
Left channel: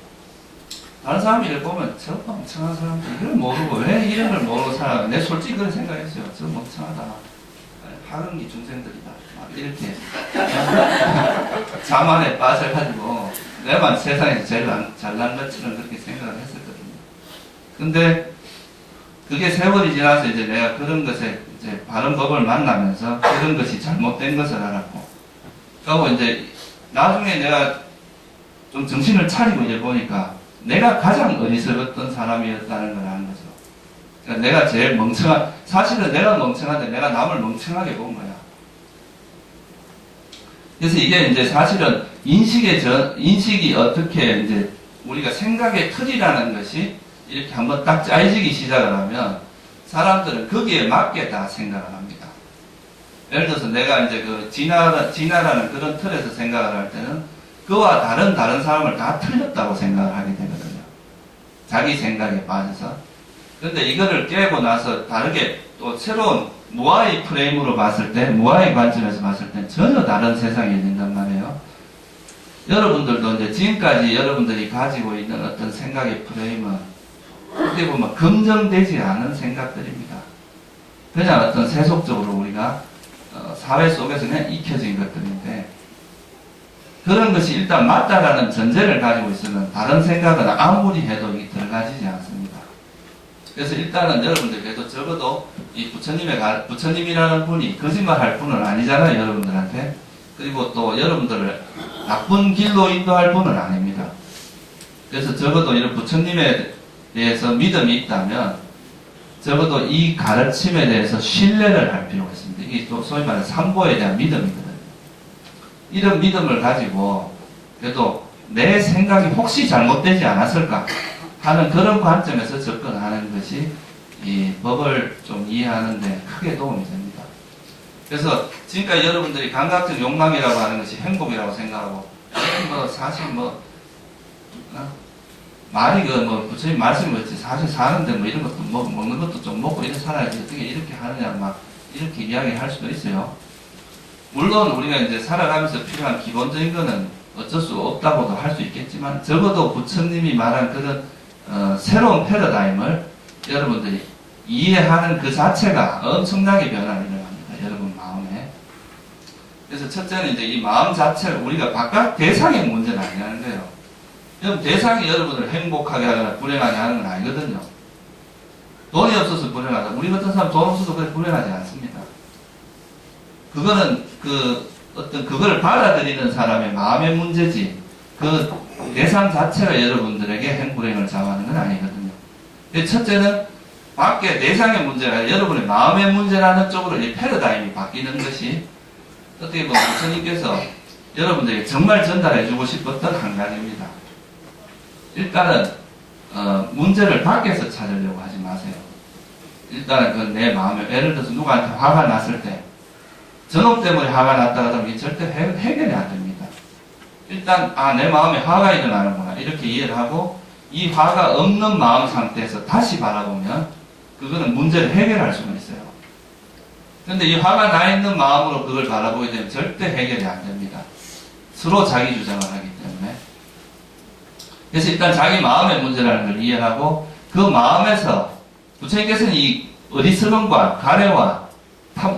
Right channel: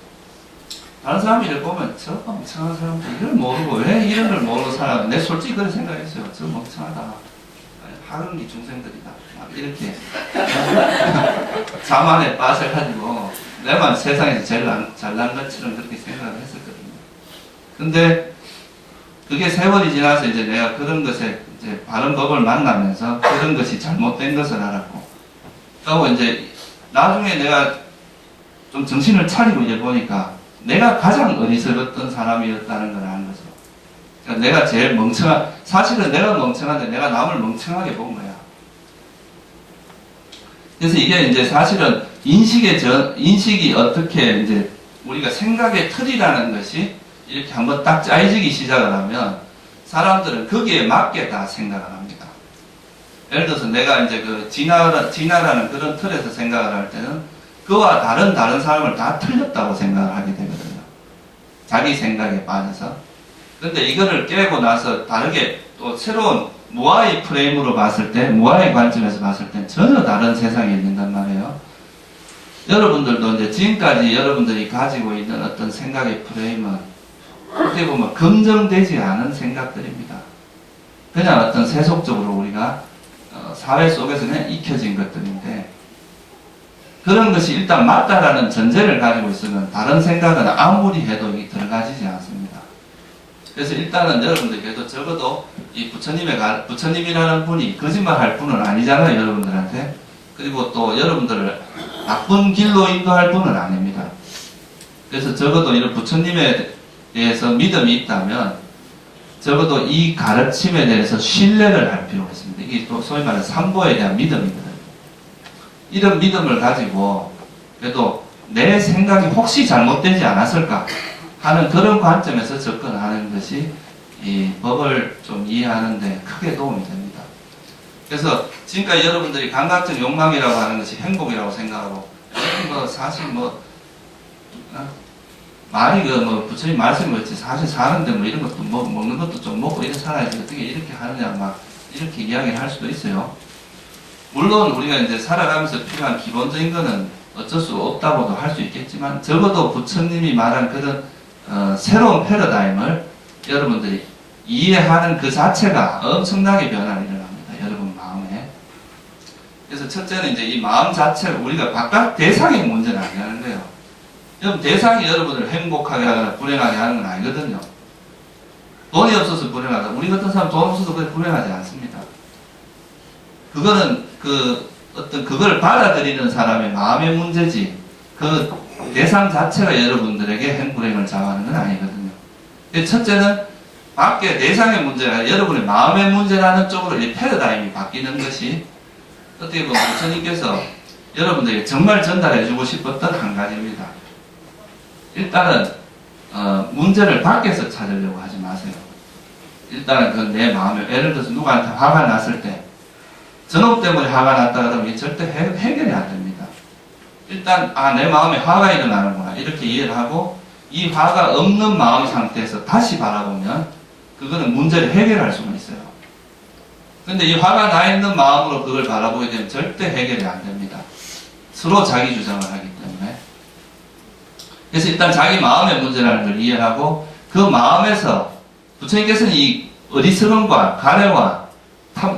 다른 사람들을 보면 저 멍청한 사람들 이걸 모르고 왜 이런 걸 모르고 살아. 내가 솔직히 그런 생각했어요. 저 멍청하다. 하근기 중생들이다. 막 이렇게 자만에 빠져가지고 내만 세상에서 제일 잘난 것처럼 그렇게 생각을 했었거든요. 근데 그게 세월이 지나서 이제 내가 그런 것에 이제 바른 법을 만나면서 그런 것이 잘못된 것을 알았고, 그리고 이제 나중에 내가 좀 정신을 차리고 이제 보니까 내가 가장 어리석었던 사람이었다는 걸 아는 거죠. 그러니까 내가 제일 사실은 내가 멍청한데 내가 남을 멍청하게 본 거야. 그래서 이게 이제 사실은 인식이 어떻게 이제 우리가 생각의 틀이라는 것이 이렇게 한번 딱 짜여지기 시작을 하면 사람들은 거기에 맞게 다 생각을 합니다. 예를 들어서 내가 이제 그 진화라는 그런 틀에서 생각을 할 때는 그와 다른 사람을 다 틀렸다고 생각을 하게 되거든요. 자기 생각에 빠져서. 근데 이거를 깨고 나서 다르게 또 새로운 무아의 프레임으로 봤을 때, 무아의 관점에서 봤을 때 전혀 다른 세상이 있는단 말이에요. 여러분들도 이제 지금까지 여러분들이 가지고 있는 어떤 생각의 프레임은 어떻게 보면 검증되지 않은 생각들입니다. 그냥 어떤 세속적으로 우리가 사회 속에서 그냥 익혀진 것들인데, 그런 것이 일단 맞다라는 전제를 가지고 있으면 다른 생각은 아무리 해도 들어가지지 않습니다. 그래서 일단은 여러분들 그래도 적어도 이 부처님이라는 분이 거짓말 할 분은 아니잖아요, 여러분들한테. 그리고 또 여러분들을 나쁜 길로 인도할 분은 아닙니다. 그래서 적어도 이런 부처님에 대해서 믿음이 있다면 적어도 이 가르침에 대해서 신뢰를 할 필요가 있습니다. 이게 또 소위 말하는 삼보에 대한 믿음이거든요. 이런 믿음을 가지고 그래도 내 생각이 혹시 잘못되지 않았을까 하는 그런 관점에서 접근하는 것이 이 법을 좀 이해하는 데 크게 도움이 됩니다. 그래서 지금까지 여러분들이 감각적 욕망이라고 하는 것이 행복이라고 생각하고, 사실 말이 부처님 말씀이 그렇지, 사실 사는데 이런 것도 먹는 것도 좀 먹고 이렇게 살아야지 어떻게 이렇게 하느냐 막 이렇게 이야기를 할 수도 있어요. 물론 우리가 이제 살아가면서 필요한 기본적인 거는 어쩔 수 없다고도 할 수 있겠지만, 적어도 부처님이 말한 그런 새로운 패러다임을 여러분들이 이해하는 그 자체가 엄청나게 변화를 일어납니다. 여러분 마음에. 그래서 첫째는 이제 이 마음 자체를 우리가 바깥 대상의 문제는 아니라는 거예요. 여러분 대상이 여러분을 행복하게 하거나 불행하게 하는 건 아니거든요. 돈이 없어서 불행하다. 우리 같은 사람 돈 없어서 그래 불행하지 않습니다. 그거는 그걸 받아들이는 사람의 마음의 문제지, 그 대상 자체가 여러분들에게 행불행을 자아하는 건 아니거든요. 첫째는 밖에 대상의 문제가 아니라 여러분의 마음의 문제라는 쪽으로 이 패러다임이 바뀌는 것이 어떻게 보면 부처님께서 여러분들에게 정말 전달해주고 싶었던 한 가지입니다. 일단은 문제를 밖에서 찾으려고 하지 마세요. 일단은 그 내 마음에, 예를 들어서 누구한테 화가 났을 때 저놈 때문에 화가 났다 그러면 절대 해결이 안 됩니다. 일단 내 마음에 화가 일어나는구나 이렇게 이해를 하고, 이 화가 없는 마음 상태에서 다시 바라보면 그거는 문제를 해결할 수가 있어요. 근데 이 화가 나 있는 마음으로 그걸 바라보게 되면 절대 해결이 안 됩니다. 서로 자기 주장을 하기 때문에. 그래서 일단 자기 마음의 문제라는 걸 이해하고, 그 마음에서 부처님께서는 이 어리석음과 가래와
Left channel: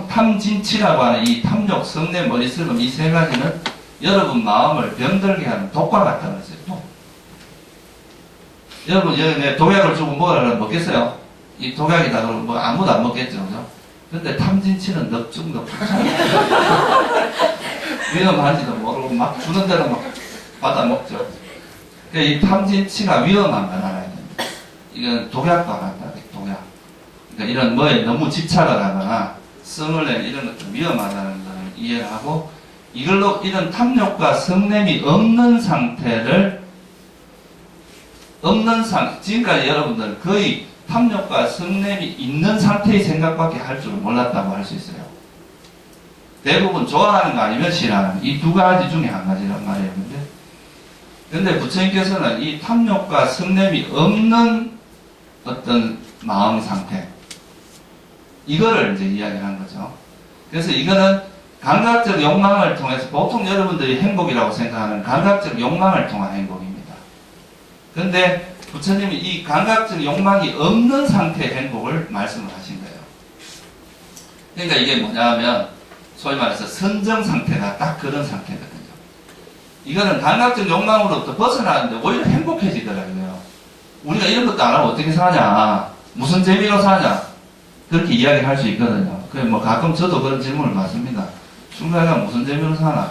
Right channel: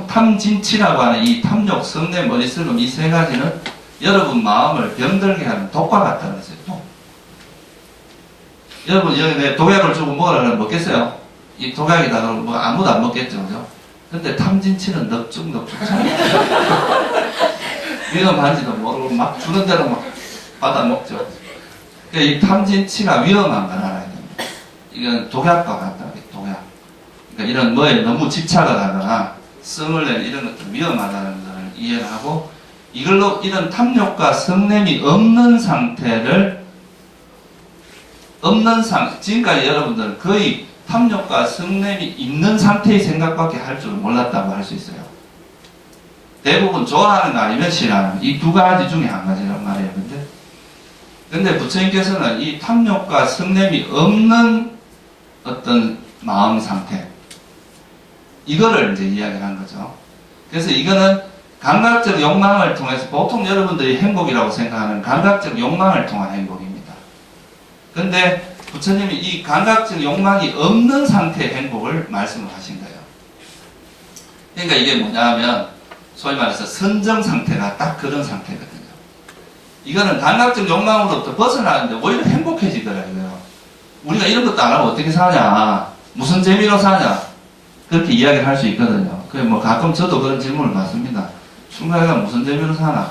탐진치라고 하는 이 탐욕, 성내, 머리슬금 이 세 가지는 여러분 마음을 병들게 하는 독과 같다고 했어요. 독. 여러분 여기 독약을 주고 먹으라고 먹겠어요? 이 독약이다 그러면 아무도 안 먹겠죠, 그죠? 근데 탐진치는 넙죽넙죽 위험 한지도 모르고 막 주는 대로 막 받아 먹죠. 그러니까 이 탐진치가 위험한 걸 알아야 됩니다. 이건 독약과 같다, 독약. 그러니까 이런 뭐에 너무 집착을 하거나 성을 낸 이런 것들 위험하다는 걸 이해를 하고, 이걸로 이런 탐욕과 성냄이 없는 상태를, 지금까지 여러분들은 거의 탐욕과 성냄이 있는 상태의 생각밖에 할 줄 몰랐다고 할 수 있어요. 대부분 좋아하는 거 아니면 싫어하는 거, 이 두 가지 중에 한 가지란 말이에요. 근데 부처님께서는 이 탐욕과 성냄이 없는 어떤 마음 상태, 이거를 이제 이야기한 거죠. 그래서 이거는 감각적 욕망을 통해서, 보통 여러분들이 행복이라고 생각하는 감각적 욕망을 통한 행복입니다. 근데 부처님이 이 감각적 욕망이 없는 상태의 행복을 말씀을 하신 거예요. 그러니까 이게 뭐냐 하면, 소위 말해서 선정 상태가 딱 그런 상태거든요. 이거는 감각적 욕망으로부터 벗어나는데 오히려 행복해지더라고요. 우리가 이런 것도 안 하고 어떻게 사냐, 무슨 재미로 사냐, 그렇게 이야기를 할 수 있거든요. 그래 뭐 가끔 저도 그런 질문을 받습니다. 출가가 무슨 재미로 사나?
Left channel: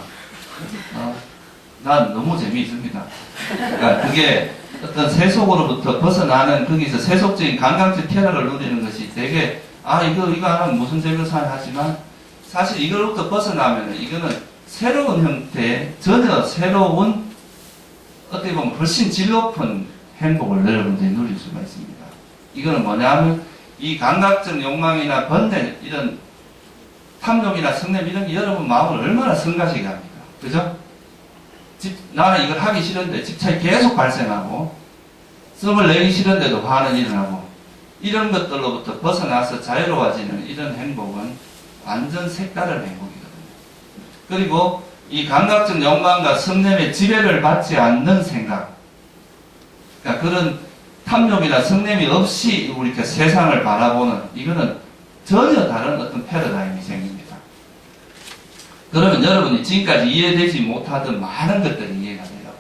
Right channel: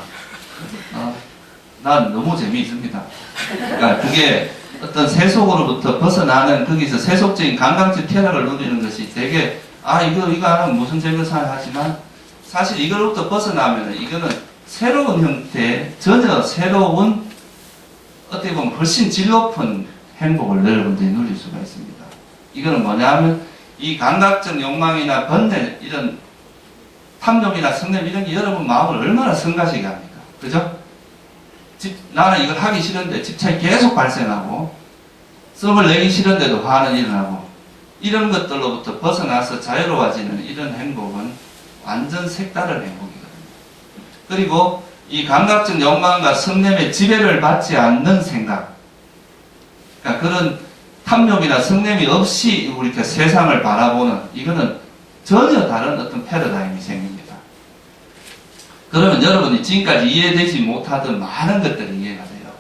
난 너무 재미있습니다. 그러니까 그게 어떤 세속으로부터 벗어나는, 거기서 세속적인 감각적 쾌락을 누리는 것이 되게, 이거 안 하면 무슨 재미로 사나 하지만, 사실 이걸로부터 벗어나면 이거는 새로운 형태의, 전혀 새로운, 어떻게 보면 훨씬 질 높은 행복을 여러분들이 누릴 수가 있습니다. 이거는 뭐냐 하면, 이 감각적 욕망이나 번뇌, 이런 탐욕이나 성냄, 이런 게 여러분 마음을 얼마나 성가시게 합니까? 그죠? 나는 이걸 하기 싫은데 집착이 계속 발생하고, 썸을 내기 싫은데도 화는 일어나고, 이런 것들로부터 벗어나서 자유로워지는 이런 행복은 완전 색다른 행복이거든요. 그리고 이 감각적 욕망과 성냄의 지배를 받지 않는 생각, 그러니까 그런 탐욕이나 성냄이 없이 이렇게 세상을 바라보는, 이거는 전혀 다른 어떤 패러다임이 생깁니다. 그러면 여러분이 지금까지 이해되지 못하던 많은 것들이 이해가 돼요.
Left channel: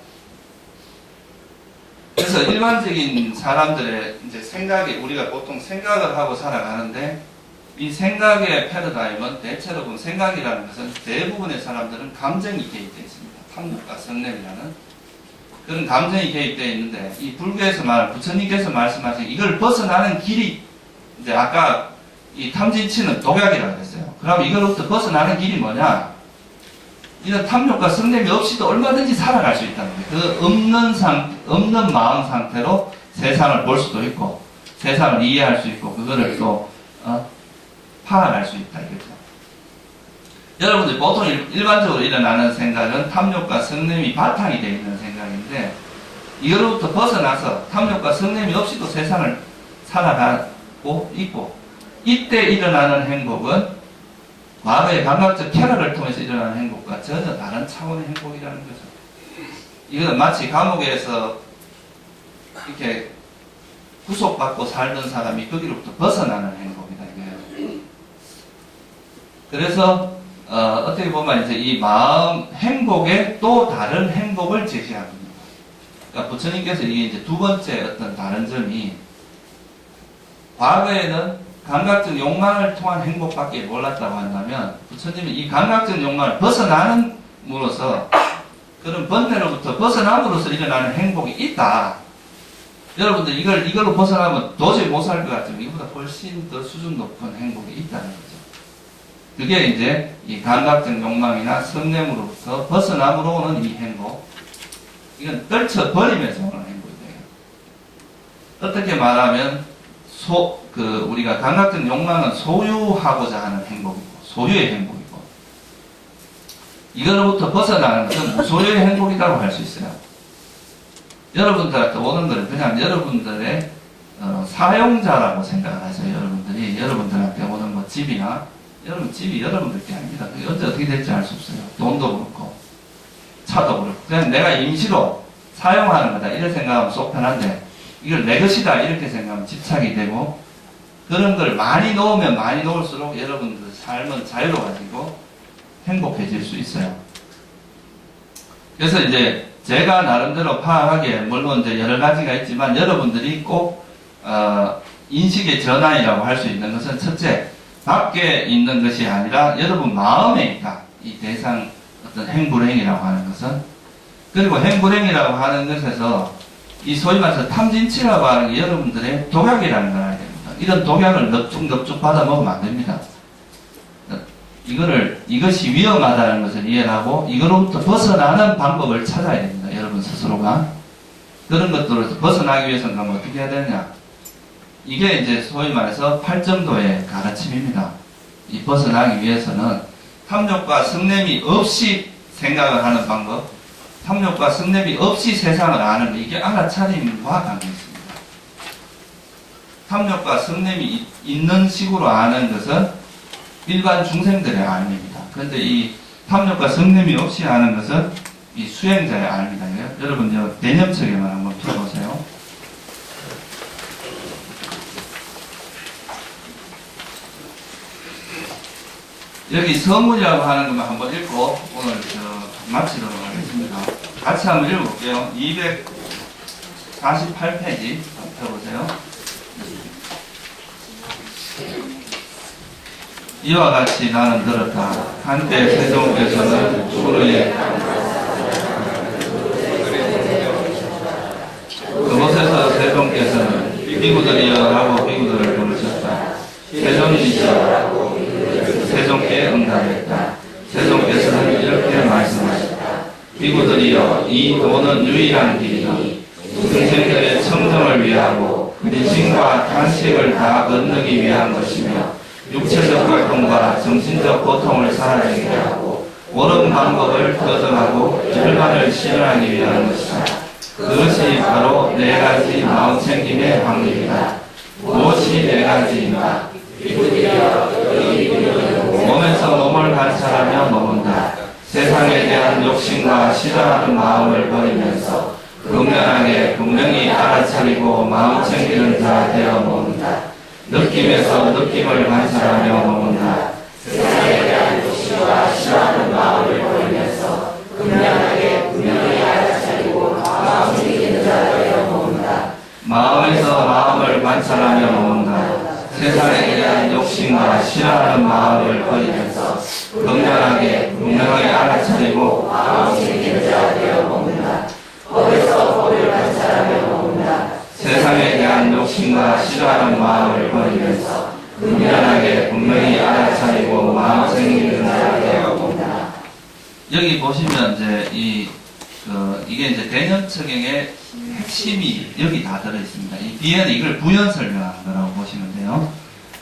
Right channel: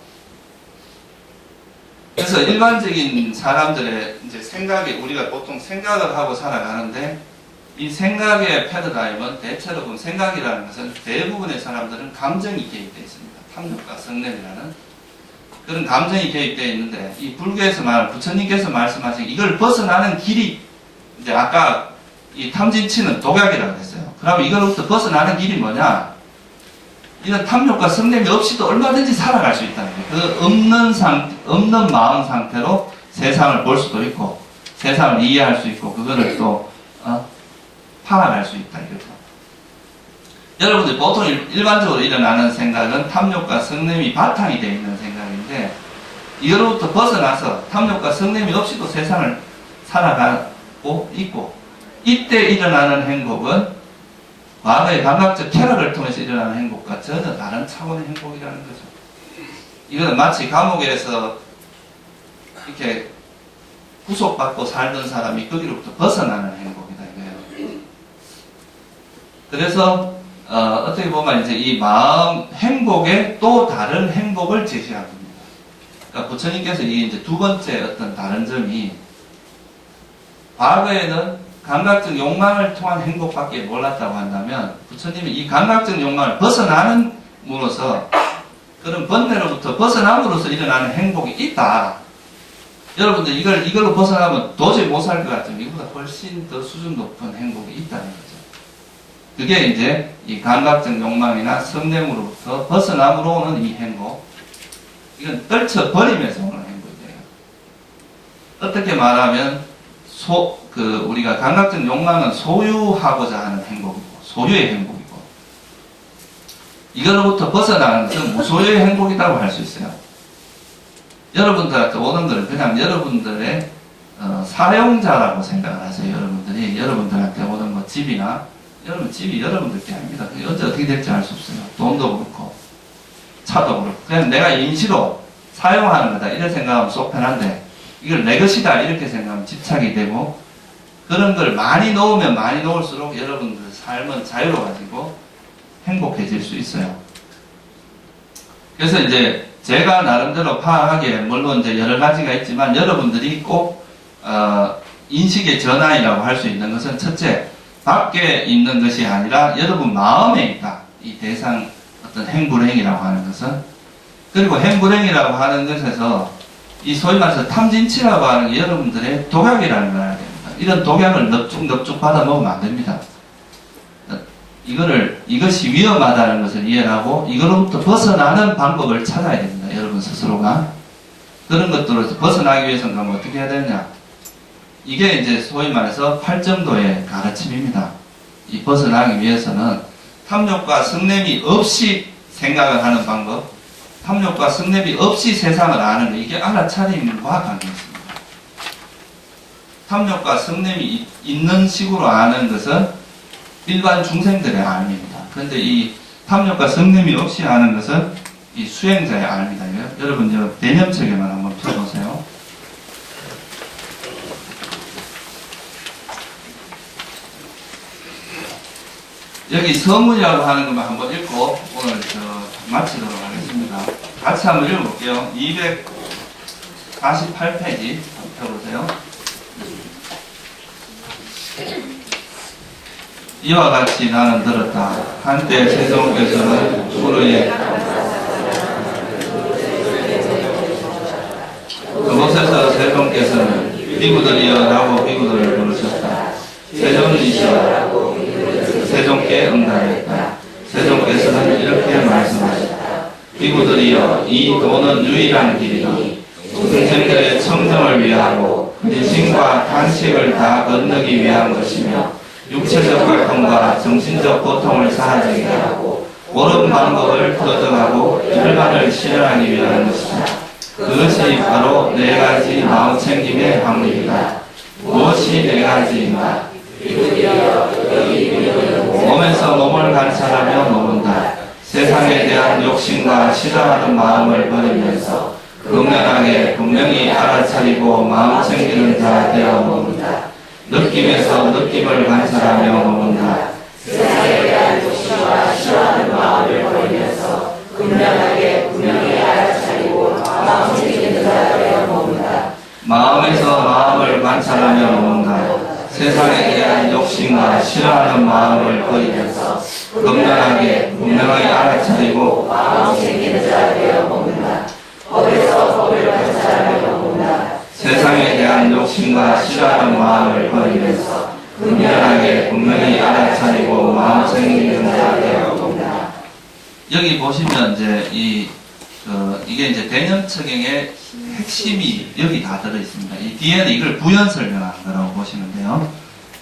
그래서 일반적인 사람들의 이제 생각이, 우리가 보통 생각을 하고 살아가는데, 이 생각의 패러다임은 대체로 보면, 생각이라는 것은 대부분의 사람들은 감정이 개입되어 있습니다. 탐욕과 성냄이라는 그런 감정이 개입되어 있는데, 이 불교에서 부처님께서 말씀하신 이걸 벗어나는 길이, 이제 아까 이 탐진치는 독약이라고 했어요. 그럼 이걸로부터 벗어나는 길이 뭐냐? 이런 탐욕과 성냄이 없이도 얼마든지 살아갈 수 있다는 거예요. 그 없는 마음 상태로 세상을 볼 수도 있고, 세상을 이해할 수 있고, 그거를 또 파악할 수 있다, 이거죠. 여러분들 보통 일반적으로 일어나는 생각은 탐욕과 성냄이 바탕이 되어 있는 생각인데, 이거로부터 벗어나서 탐욕과 성냄이 없이도 세상을 살아가고 있고, 이때 일어나는 행복은 과거의 감각적 쾌락을 통해서 일어나는 행복과 전혀 다른 차원의 행복이라는 거죠. 이거는 마치 감옥에서 이렇게 구속받고 살던 사람이 거기로부터 벗어나는 행복이다, 이거예요. 그래서 어떻게 보면 이제 이 마음 행복에 또 다른 행복을 제시합니다. 그러니까 부처님께서 이게 이제 두 번째 어떤 다른 점이, 과거에는 감각적 욕망을 통한 행복밖에 몰랐다고 한다면, 부처님이 이 감각적 욕망을 벗어남으로써, 그런 번뇌로부터 벗어남으로써 일어나는 행복이 있다. 여러분들 이걸로 벗어나면 도저히 못 살 것 같으면 이거보다 훨씬 더 수준 높은 행복이 있다는 거죠. 그게 이제 이 감각적 욕망이나 성냄으로부터 벗어남으로 오는 이 행복, 이건 떨쳐버리면서 오는 행복이에요. 어떻게 말하면 우리가 감각적 욕망은 소유하고자 하는 행복이고, 소유의 행복이고, 이걸로부터 벗어나는 것은 무소유의 행복이라고 할 수 있어요. 여러분들한테 오는 것은 그냥 여러분들의 사용자라고 생각을 하세요. 여러분들한테 오는 뭐 집이나, 여러분 집이 여러분들 게 아닙니다. 언제 어떻게 될지 알 수 없어요. 돈도 그렇고 차도 그렇고, 그냥 내가 임시로 사용하는 거다 이렇게 생각하면 속 편한데, 이걸 내 것이다 이렇게 생각하면 집착이 되고, 그런 걸 많이 놓으면 많이 놓을수록 여러분들 삶은 자유로워지고 행복해질 수 있어요. 그래서 이제 제가 나름대로 파악하기에, 물론 이제 여러 가지가 있지만, 여러분들이 꼭 인식의 전환이라고 할 수 있는 것은, 첫째, 밖에 있는 것이 아니라 여러분 마음에 있다. 이 대상 어떤 행불행이라고 하는 것은. 그리고 행불행이라고 하는 것에서 이 소위 말해서 탐진치라고 하는 게 여러분들의 독약이라는 걸 알아야 됩니다. 이런 독약을 넙죽넙죽 받아 먹으면 안 됩니다. 이것이 위험하다는 것을 이해하고 이거로부터 벗어나는 방법을 찾아야 됩니다. 여러분 스스로가. 그런 것들로서 벗어나기 위해서는 그럼 어떻게 해야 되느냐? 이게 이제 소위 말해서 8정도의 가르침입니다. 이 벗어나기 위해서는 탐욕과 성냄이 없이 생각을 하는 방법, 탐욕과 성냄이 없이 세상을 아는 것, 이게 알아차림과 관계 있습니다. 탐욕과 성냄이 있는 식으로 아는 것은 일반 중생들의 알입니다. 그런데 이 탐욕과 성냄이 없이 아는 것은 이 수행자의 알입니다. 여러분 저 대념책에만 한번 펴보세요. 여기 서문이라고 하는 것만 한번 읽고 오늘 마치도록 하겠습니다. 같이 한번 읽어볼게요. 248페이지 펴보세요. 이와 같이 나는 들었다. 한때 세종께서는 수르에 그곳에서 세종께서는 비구들이여라고 비구들을 부르셨다. 세종이시여 세종께 응답했다. 세종께서는 이렇게 말씀하셨다. 비구들이여 이 도는 유일한 길이니 중생들의 청정을 위하고 근심과 탄식을 다 건너기 위한 것이며 육체적 고통과 정신적 고통을 사라지게 하고 옳은 방법을 터득하고 결과를 실현하기 위한 것이다. 그것이 바로 네 가지 마음챙김의 방법이다. 무엇이 네 가지인가? 몸에서 몸을 관찰하며 머문다. 세상에 대한 욕심과 싫어하는 마음을 버리면서 극명하게 분명히 알아차리고 마음 챙기는 자 되어 머문다. 느낌에서 느낌을 관찰하며 머문다. 세상에 대한 욕심과 싫어하는 마음을 버리면서 극명하게 분명히 알아차리고 마음 챙기는 자 되어 머문다. 마음에서 마음을 관찰하며 머문다. 세상에 대한 욕심과 싫어하는 마음을 버리면서 극명하게 분명하게 알아차리고 마음 챙기는 자 되어 머문다. 법에서 법을 관찰하며 머문다. 세상에 대한 욕심과 싫어하는 마음을 버리면서 분명하게 분명히 알아차리고 마음 챙기는 자 되어 머문다. 여기 보시면 이제 이게 이제 대념청행의 핵심이 여기 다 들어 있습니다. 이 뒤에는 이걸 부연 설명한 거라고 보시면 돼요.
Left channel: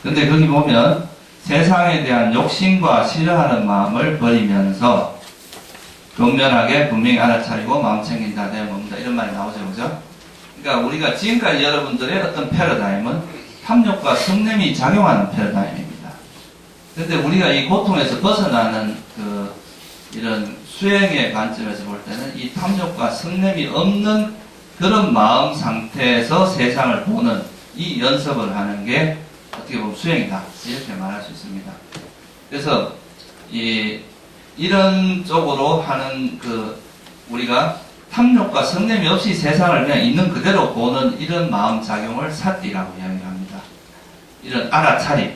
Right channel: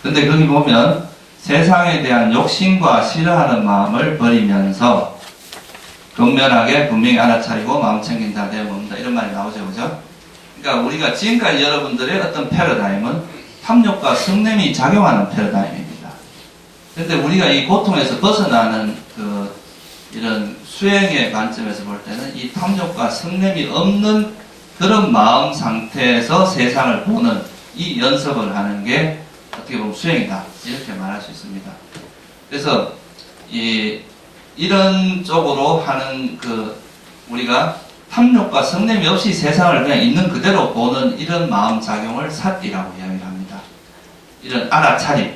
근데 거기 보면 세상에 대한 욕심과 싫어하는 마음을 버리면서 분명하게 분명히 알아차리고 마음 챙긴다 되어 봅니다. 이런 말이 나오죠, 그죠? 그러니까 우리가 지금까지 여러분들의 어떤 패러다임은 탐욕과 성냄이 작용하는 패러다임입니다. 근데 우리가 이 고통에서 벗어나는 이런 수행의 관점에서 볼 때는 이 탐욕과 성냄이 없는 그런 마음 상태에서 세상을 보는 이 연습을 하는 게 어떻게 보면 수행이다. 이렇게 말할 수 있습니다. 그래서 이런 쪽으로 하는 우리가 탐욕과 성냄이 없이 세상을 그냥 있는 그대로 보는 이런 마음 작용을 사띠라고 이야기를 합니다. 이런 알아차림.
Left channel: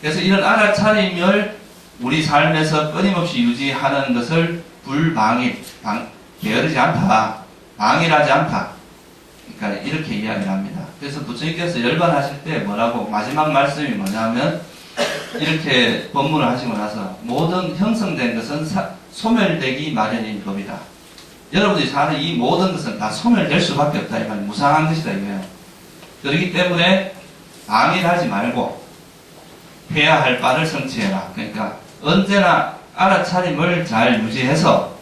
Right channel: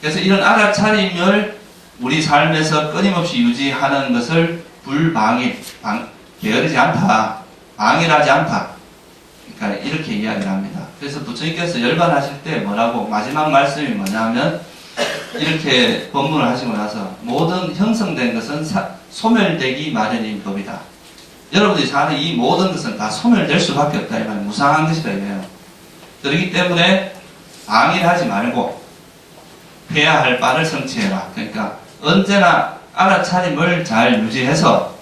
그래서 이런 알아차림을 우리 삶에서 끊임없이 유지하는 것을 게으르지 않다. 방일하지 않다. 그러니까 이렇게 이야기를 합니다. 그래서 부처님께서 열반하실 때 뭐라고 마지막 말씀이 뭐냐면 이렇게 법문을 하시고 나서 모든 형성된 것은 소멸되기 마련인 법이다. 여러분들이 사는 이 모든 것은 다 소멸될 수밖에 없다. 이 말 무상한 것이다 이거예요. 그렇기 때문에 방일하지 말고 해야 할 바를 성취해라. 그러니까 언제나 알아차림을 잘 유지해서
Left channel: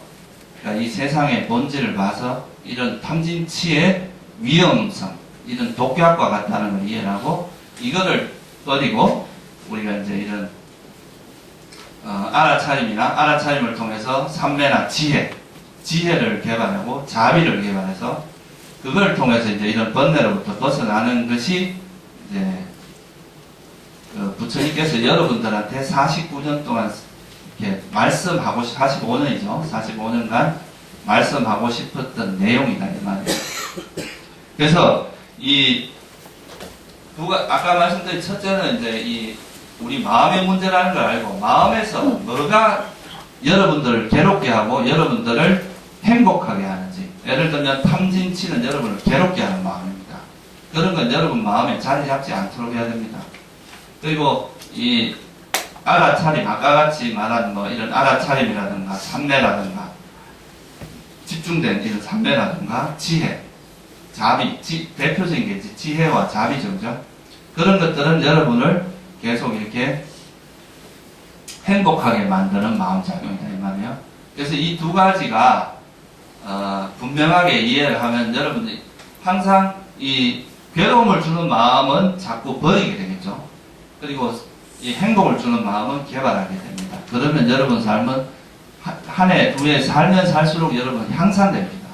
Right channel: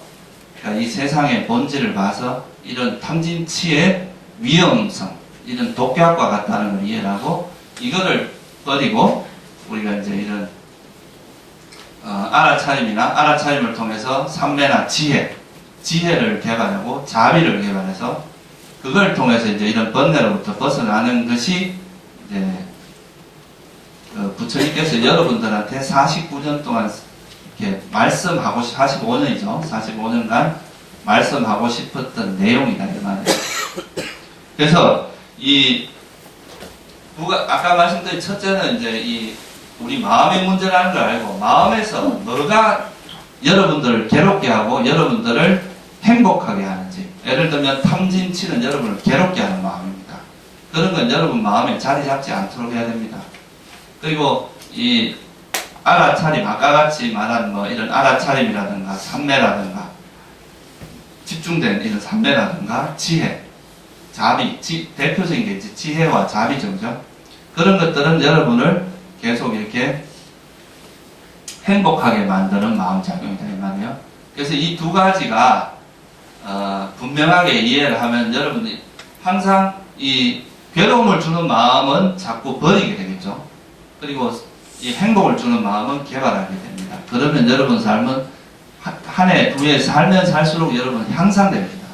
그러니까 이 세상의 본질을 봐서 이런 탐진치의 위험성, 이런 독약과 같다는 걸 이해하고 이거를 버리고 우리가 이제 이런 알아차림을 통해서 삼매나 지혜를 개발하고 자비를 개발해서 그걸 통해서 이제 이런 번뇌로부터 벗어나는 것이 이제 부처님께서 여러분들한테 49년 동안 이렇게 말씀하고 45년이죠. 45년간 말씀하고 싶었던 내용이다 이 말이에요. 그래서 아까 말씀드린 첫째는 이제 우리 마음의 문제라는 걸 알고 마음에서 뭐가 여러분들을 괴롭게 하고 여러분들을 행복하게 하는지, 예를 들면 탐진치는 여러분을 괴롭게 하는 마음입니다. 그런 건 여러분 마음에 자리 잡지 않도록 해야 됩니다. 그리고 이 알아차림, 아까 같이 말한 뭐 이런 알아차림이라든가 삼매라든가 집중된 이런 삼매라든가 지혜, 자비, 대표적인 게 이제 지혜와 자비죠. 그죠? 그런 것들은 여러분을 계속 이렇게 행복하게 만드는 마음작용이다 이 말이에요. 그래서 이 두 가지가 분명하게 이해를 하면 여러분이 항상 이 괴로움을 주는 마음은 자꾸 버리게 되겠죠. 그리고 이 행복을 주는 마음은 개발하게 됩니다. 그러면 여러분 삶은 한 해, 두 해 살면 살수록 여러분 향상됩니다.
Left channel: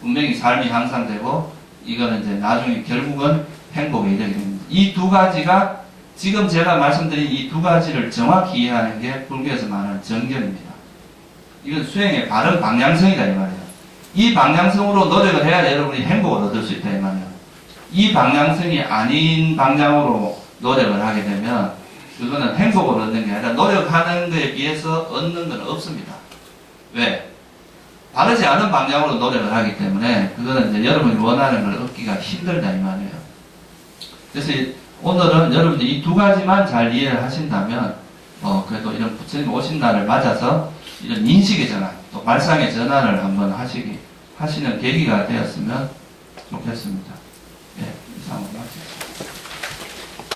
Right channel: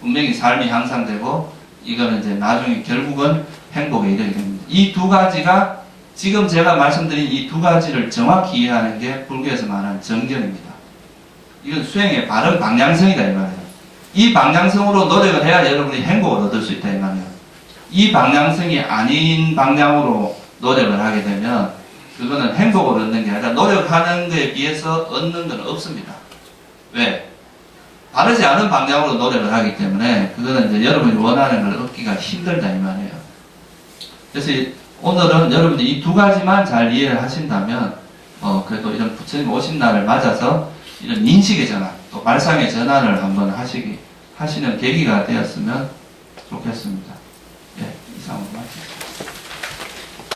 분명히 삶이 향상되고 이거는 이제 나중에 결국은 행복에 이르게 됩니다. 이 두 가지가 지금 제가 말씀드린 이 두 가지를 정확히 이해하는 게 불교에서 말하는 정견입니다. 이건 수행의 바른 방향성이다 이 말이에요. 이 방향성으로 노력을 해야 여러분이 행복을 얻을 수 있다 이 말이에요. 이 방향성이 아닌 방향으로 노력을 하게 되면 그거는 행복을 얻는 게 아니라 노력하는 것에 비해서 얻는 건 없습니다. 왜? 바르지 않은 방향으로 노력을 하기 때문에 그거는 이제 여러분이 원하는 걸 얻기가 힘들다 이 말이에요. 그래서 오늘은 여러분들이 이 두 가지만 잘 이해를 하신다면 그래도 이런 부처님 오신 날을 맞아서 이런 인식의 전환, 또 발상의 전환을 한번 하시는 계기가 되었으면 좋겠습니다. 예, 이상으로 마치겠습니다.